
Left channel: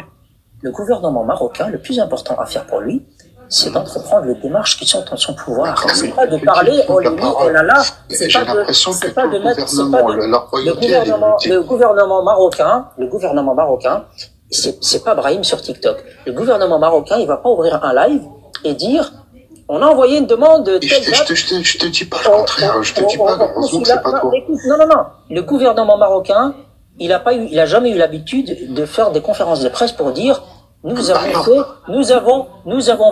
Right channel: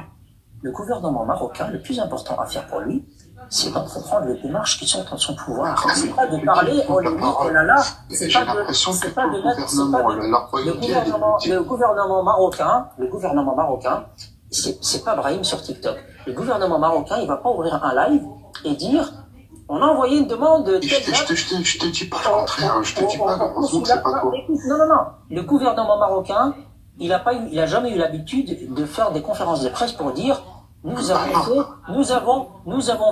Le gouvernement marocain, le plus important à faire pour lui, c'est d'entreprendre les démarches qui sont en son pouvoir. C'est pas de parler, oh là là, c'est pas de mettre, le gouvernement marocain, c'est pas Brahim sur TikTok. Le gouvernement marocain, il va pas ouvrir un live et dire, on a envoyé une demande de telle date. Je te dis pas le contraire, je te dis pas, heureusement que c'est pas toi. Non. Le gouvernement marocain, il a jamais eu l'habitude de faire des conférences de presse pour dire, nous avons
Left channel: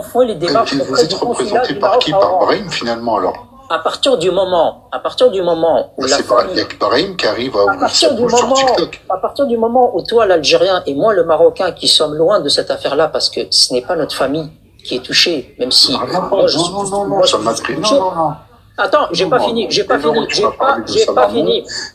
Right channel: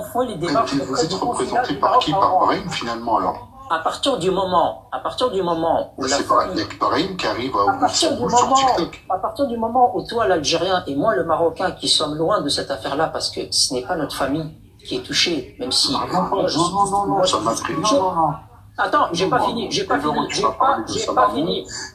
fait les démarches. Vous êtes représenté par qui? Par Brahim, finalement, alors? À partir du moment où c'est Brahim qui arrive à ouvrir sa bouche sur TikTok. À partir du moment où toi, l'Algérien, et moi, le Marocain, qui sommes loin de cette affaire-là, parce que ce n'est pas notre famille qui est touchée, même si... Non, ça m'a pris. Non. Attends, j'ai pas fini.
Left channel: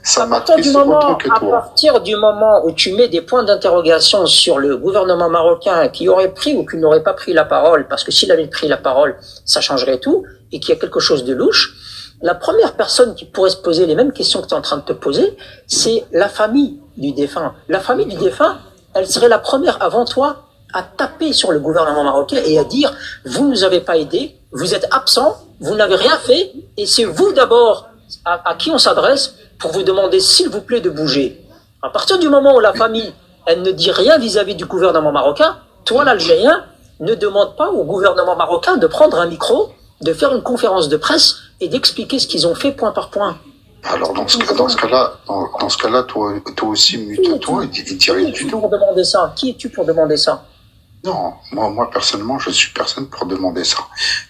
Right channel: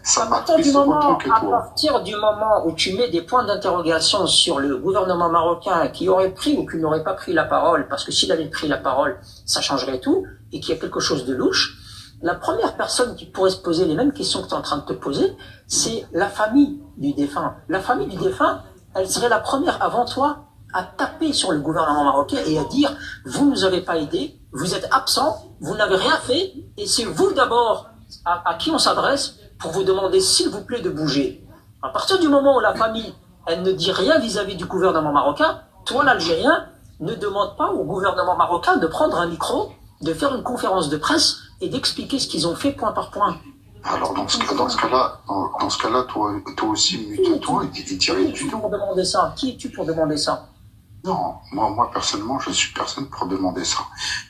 Ça m'attriste autant que À toi. partir du moment où tu mets des points d'interrogation sur le gouvernement marocain qui aurait pris ou qui n'aurait pas pris la parole, parce que s'il avait pris la parole, ça changerait tout, et qu'il y a quelque chose de louche, la première personne qui pourrait se poser les mêmes questions que tu es en train de te poser, c'est la famille du défunt. La famille du défunt, elle serait la première avant toi à taper sur le gouvernement marocain et à dire « Vous ne nous avez pas aidés, vous êtes absents, vous n'avez rien fait, et c'est vous d'abord à qui on s'adresse pour vous demander s'il vous plaît de bouger. » À partir du moment où la famille, elle ne dit rien vis-à-vis du gouvernement marocain, toi l'Algérien, ne demande pas au gouvernement marocain de prendre un micro, de faire une conférence de presse et d'expliquer ce qu'ils ont fait point par point. Alors dans ce cas-là, toi aussi mute-toi et dis rien du tout. Pour demander ça. Qui es-tu pour demander ça? Non, moi personnellement, je suis personne pour demander ça.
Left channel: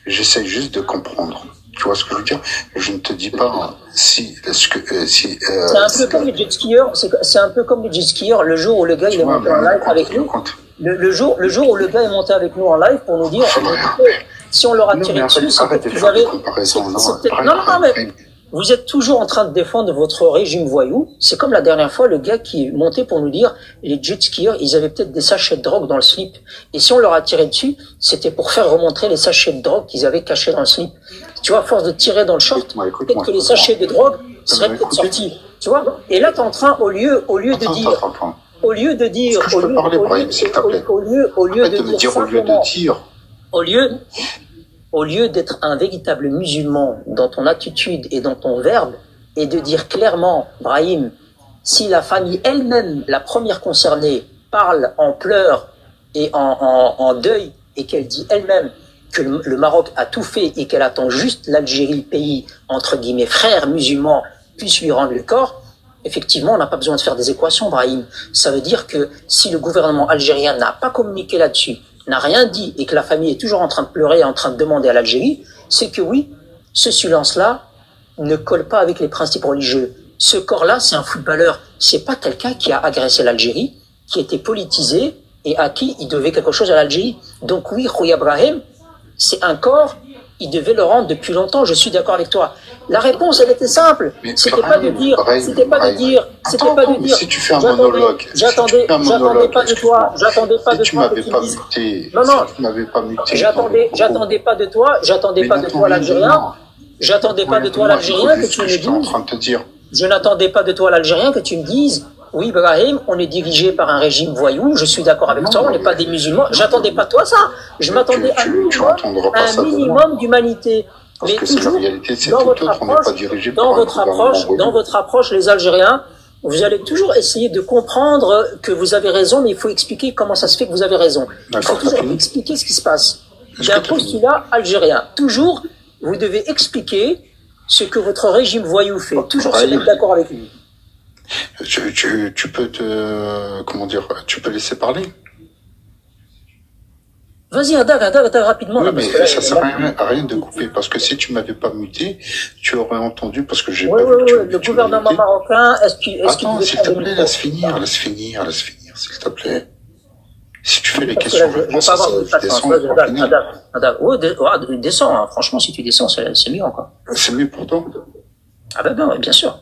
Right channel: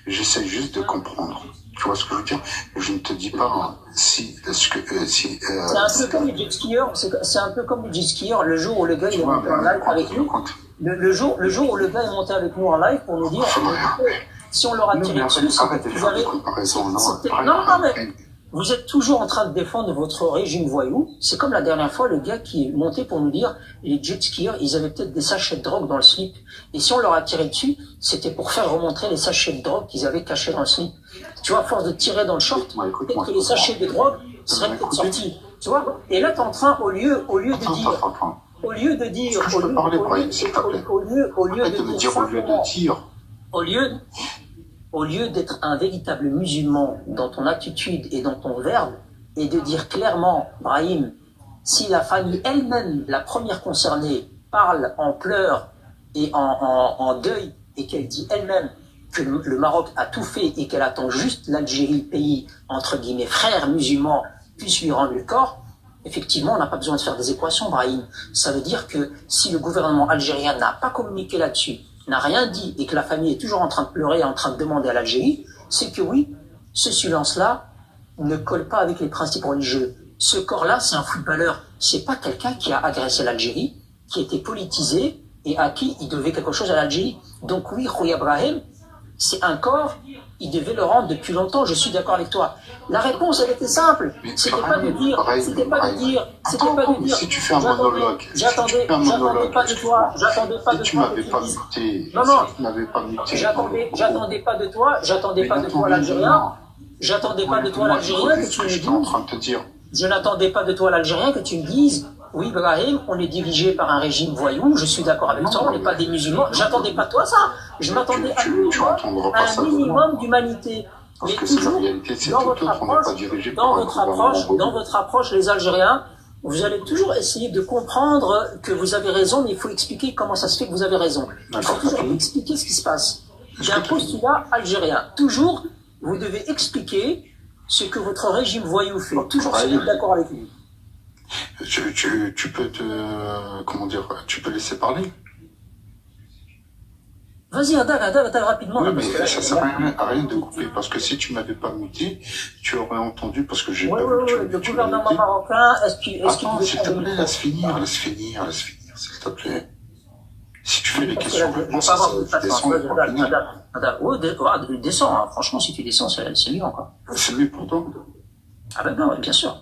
J'essaie juste de comprendre. Tu vois ce que je veux dire? Je ne te dis pas si. C'est un peu comme les jet skieurs. C'est un peu comme les jet skieurs. Le jour où le gars il est monté en live avec nous. Le jour où le gars est monté avec nous en live pour nous dire si on leur a tiré dessus, c'est que vous avez. Non, mais vous êtes toujours en train de défendre votre régime voyou. C'est comme la dernière fois, le gars qui est monté pour nous dire les jet skieurs, ils avaient peut-être des sachets de drogue dans le slip. Et si on leur a tiré dessus, c'était pour faire remontrer les sachets de drogue qu'ils avaient cachés dans le slip. Tu vois, à force de tirer dans le short, peut-être que les sachets de drogue seraient peut-être sortis. Tu vois? Et là, t'es en train, au lieu de dire, au lieu d'être un véritable musulman dans ton attitude et dans ton verbe, et de dire clairement, Brahim, si la famille elle-même, la première concernée, parle en pleurs et en deuil, et qu'elle dit elle-même que le Maroc a tout fait et qu'elle attend juste l'Algérie, pays, entre guillemets, frère musulman, puisse lui rendre le corps, effectivement, on n'a pas besoin de faire des équations, Brahim. Ça veut dire que si le gouvernement algérien n'a pas communiqué là-dessus, n'a rien dit et que la famille est toujours en train de pleurer et en train de demander à l'Algérie, c'est que oui, ce silence-là ne colle pas avec les principes religieux. Ce corps-là, c'est un footballeur. C'est pas quelqu'un qui a agressé l'Algérie, qui était politisé et à qui il devait quelque chose à l'Algérie. Donc oui, Khouya Brahim, c'est un corps, il devait le rendre depuis longtemps, je suis d'accord avec toi. La réponse, elle était simple. C'était pas de dire, si tu fais un monologue, j'attendais pas de toi que tu m'avais pas muté, j'attendais pas de toi l'Algérien, que tu me dises, je n'attendais pas de toi l'Algérien que tu me dises, oui, Brahim, on est dirigé par un régime voyou, je suis d'accord avec toi, on n'est pas des musulmans, j'attendais pas de toi ça, je m'attendais à un minimum d'humanité. Mais toujours, dans votre approche, les Algériens, vous allez toujours essayer de comprendre que vous avez raison, mais il faut expliquer comment ça se fait que vous avez raison. Il faut toujours expliquer ce qui se passe. Il y a un postulat algérien. Toujours, vous devez expliquer ce que votre régime voyou fait. Toujours se mettre d'accord avec lui. Tu peux tu peux laisser parler. Vas-y, rapidement. Oui, mais ça sert à rien de couper, parce que si tu m'avais pas muté, tu aurais entendu, parce que j'ai pas vu que le gouvernement marocain, Attends, s'il te plaît, laisse finir, s'il te plaît. Si tu fais les questions, descends, hein. Franchement, si tu descends, c'est mieux encore. C'est mieux pour toi? Ah ben, bien sûr.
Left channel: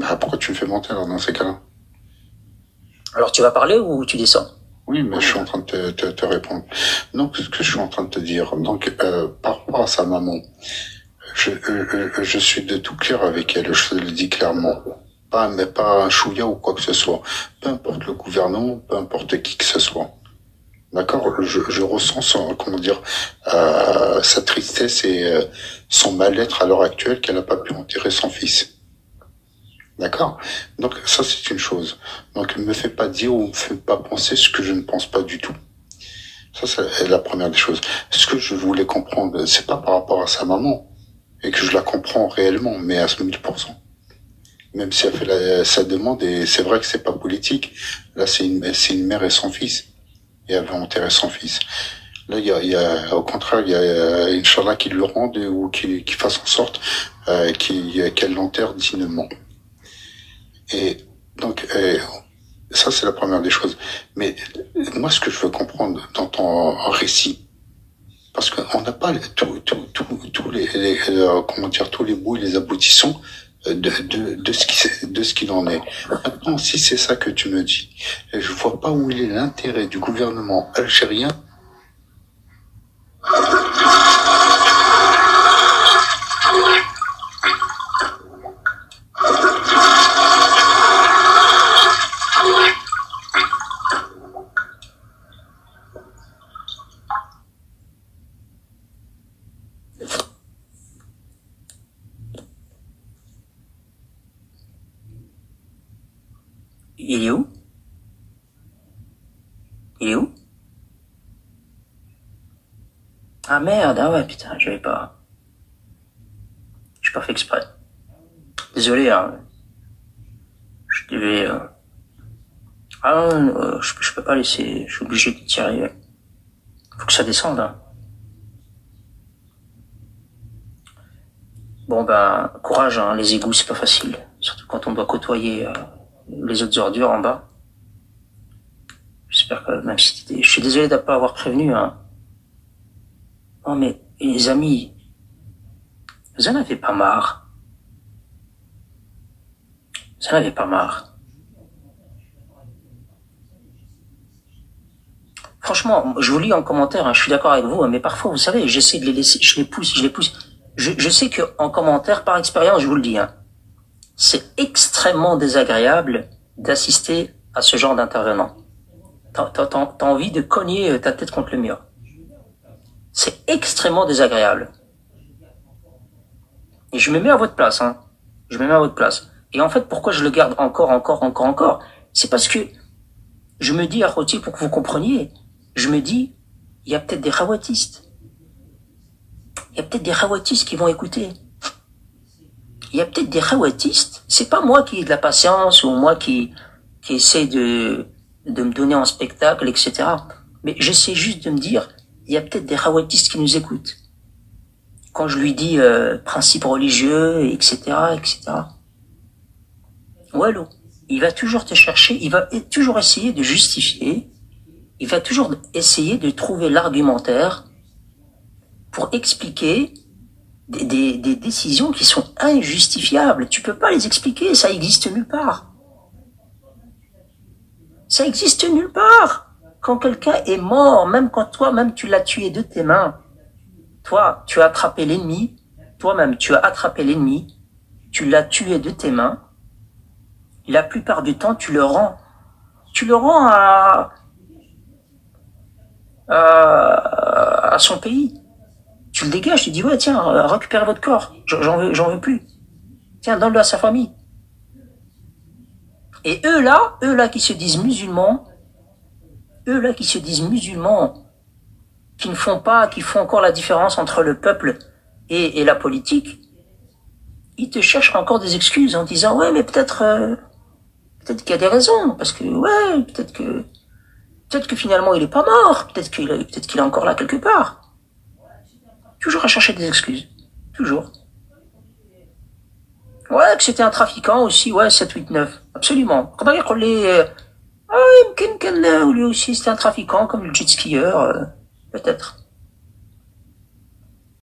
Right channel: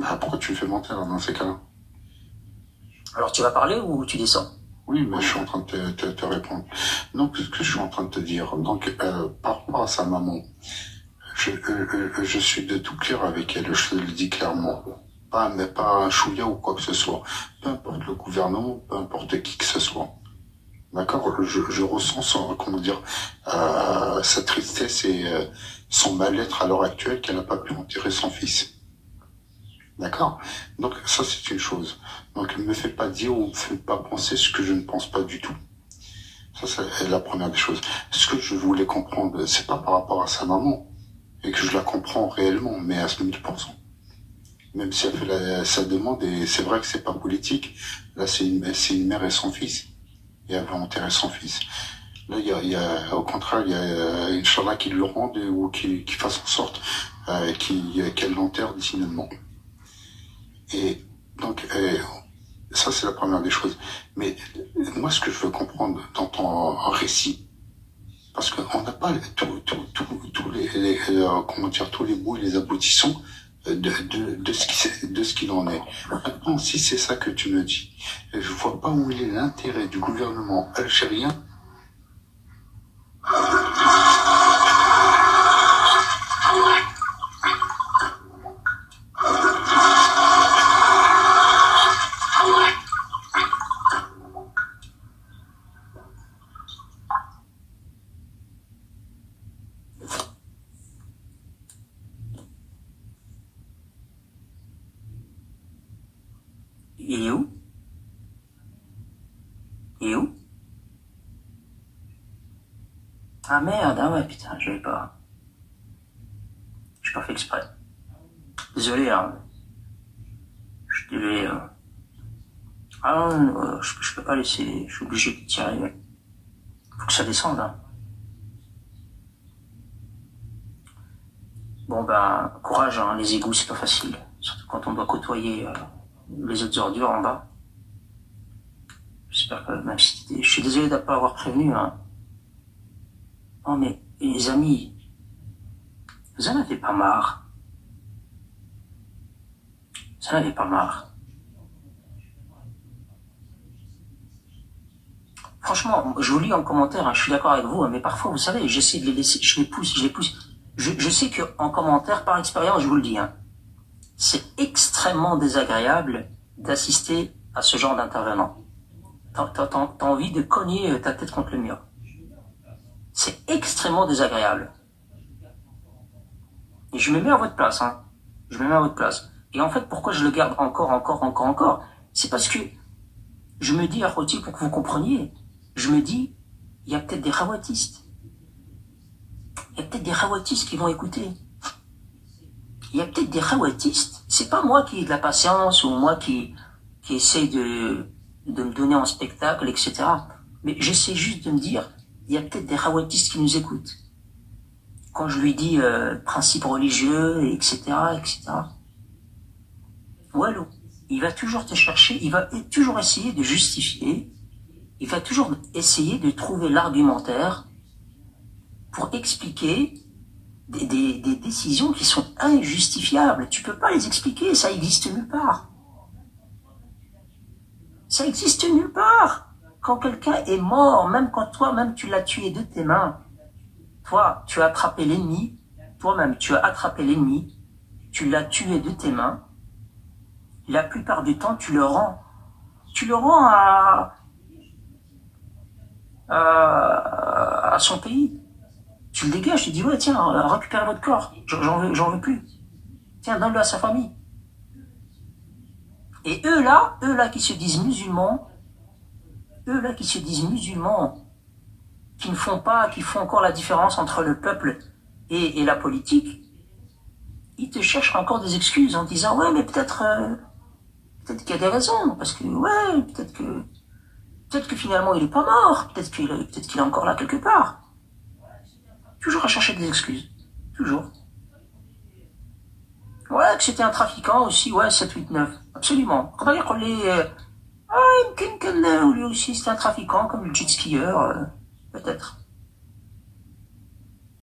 Bah, pourquoi tu me fais mentir dans ces cas-là? Alors, tu vas parler ou tu descends? Oui, mais je suis en train de te répondre. Donc, ce que je suis en train de te dire, donc, par rapport à sa maman, je suis de tout cœur avec elle, je te le dis clairement. Mais pas un chouïa ou quoi que ce soit. Peu importe le gouvernement, peu importe qui que ce soit. D'accord? Je ressens sa tristesse et son mal-être à l'heure actuelle qu'elle n'a pas pu enterrer son fils. D'accord? Donc, ça, c'est une chose. Donc, ne me fais pas dire ou ne me fais pas penser ce que je ne pense pas du tout. Ça, c'est la première des choses. Ce que je voulais comprendre, c'est pas par rapport à sa maman, et que je la comprends réellement, mais à 1000%. Même si elle fait sa demande, et c'est vrai que c'est pas politique. Là, c'est une mère et son fils. Et elle va enterrer son fils. Là, au contraire, il y a Inch'Allah qui lui rende ou qui fasse en sorte qu'elle l'enterre dignement. Et donc, ça, c'est la première des choses. Mais moi, ce que je veux comprendre dans ton récit, parce qu'on n'a pas tous comment dire, tous les mots et les aboutissants de ce qu'il en est. Maintenant, si c'est ça que tu me dis, je vois pas où il est l'intérêt du gouvernement algérien. Il est où? Il est où? Ah merde, ah ouais, putain, je l'avais pas. J'ai pas fait exprès. Désolé, hein. Je devais. Ah non, je peux pas laisser. Je suis obligé de tirer. Faut que ça descende, hein. Bon ben, courage, hein. Les égouts, c'est pas facile. Surtout quand on doit côtoyer les autres ordures en bas. J'espère que même si je suis désolé de ne pas avoir prévenu, hein. Non mais, les amis, vous en avez pas marre. Vous en avez pas marre. Franchement, je vous lis en commentaire, hein, je suis d'accord avec vous, hein, mais parfois, vous savez, j'essaie de les laisser, je les pousse. Je sais que en commentaire, par expérience, je vous le dis, hein, c'est extrêmement désagréable d'assister à ce genre d'intervenant. T'as envie de cogner ta tête contre le mur. C'est extrêmement désagréable. Et je me mets à votre place, hein. Je me mets à votre place. Et en fait, pourquoi je le garde encore, c'est parce que je me dis, Aroti, pour que vous compreniez, je me dis, il y a peut-être des khawatistes. Il y a peut-être des khawatistes qui vont écouter. Il y a peut-être des khawatistes. C'est pas moi qui ai de la patience ou moi qui essaie de me donner en spectacle, etc. Mais j'essaie juste de me dire, il y a peut-être des khawatistes qui nous écoutent. Quand je lui dis principes religieux, etc., etc. Wallo, il va toujours te chercher, il va toujours essayer de justifier, il va toujours essayer de trouver l'argumentaire pour expliquer des décisions qui sont injustifiables. Tu peux pas les expliquer, ça existe nulle part. Ça existe nulle part. Quand quelqu'un est mort, même quand toi-même tu l'as tué de tes mains, toi, tu as attrapé l'ennemi, toi-même tu as attrapé l'ennemi, tu l'as tué de tes mains, la plupart du temps tu le rends à son pays. Tu le dégages, tu dis ouais tiens, récupérez votre corps, j'en veux plus. Tiens, donne-le à sa famille. Et eux là qui se disent musulmans, qui font encore la différence entre le peuple et la politique, ils te cherchent encore des excuses en disant ouais mais peut-être qu'il y a des raisons, parce que ouais, peut-être que finalement il est pas mort, peut-être qu'il est encore là quelque part. Toujours à chercher des excuses. Toujours. Ouais, que c'était un trafiquant aussi, ouais, 7, 8, 9. Absolument. Comment dire qu'on lui aussi c'était un trafiquant, comme le jet skieur, peut-être.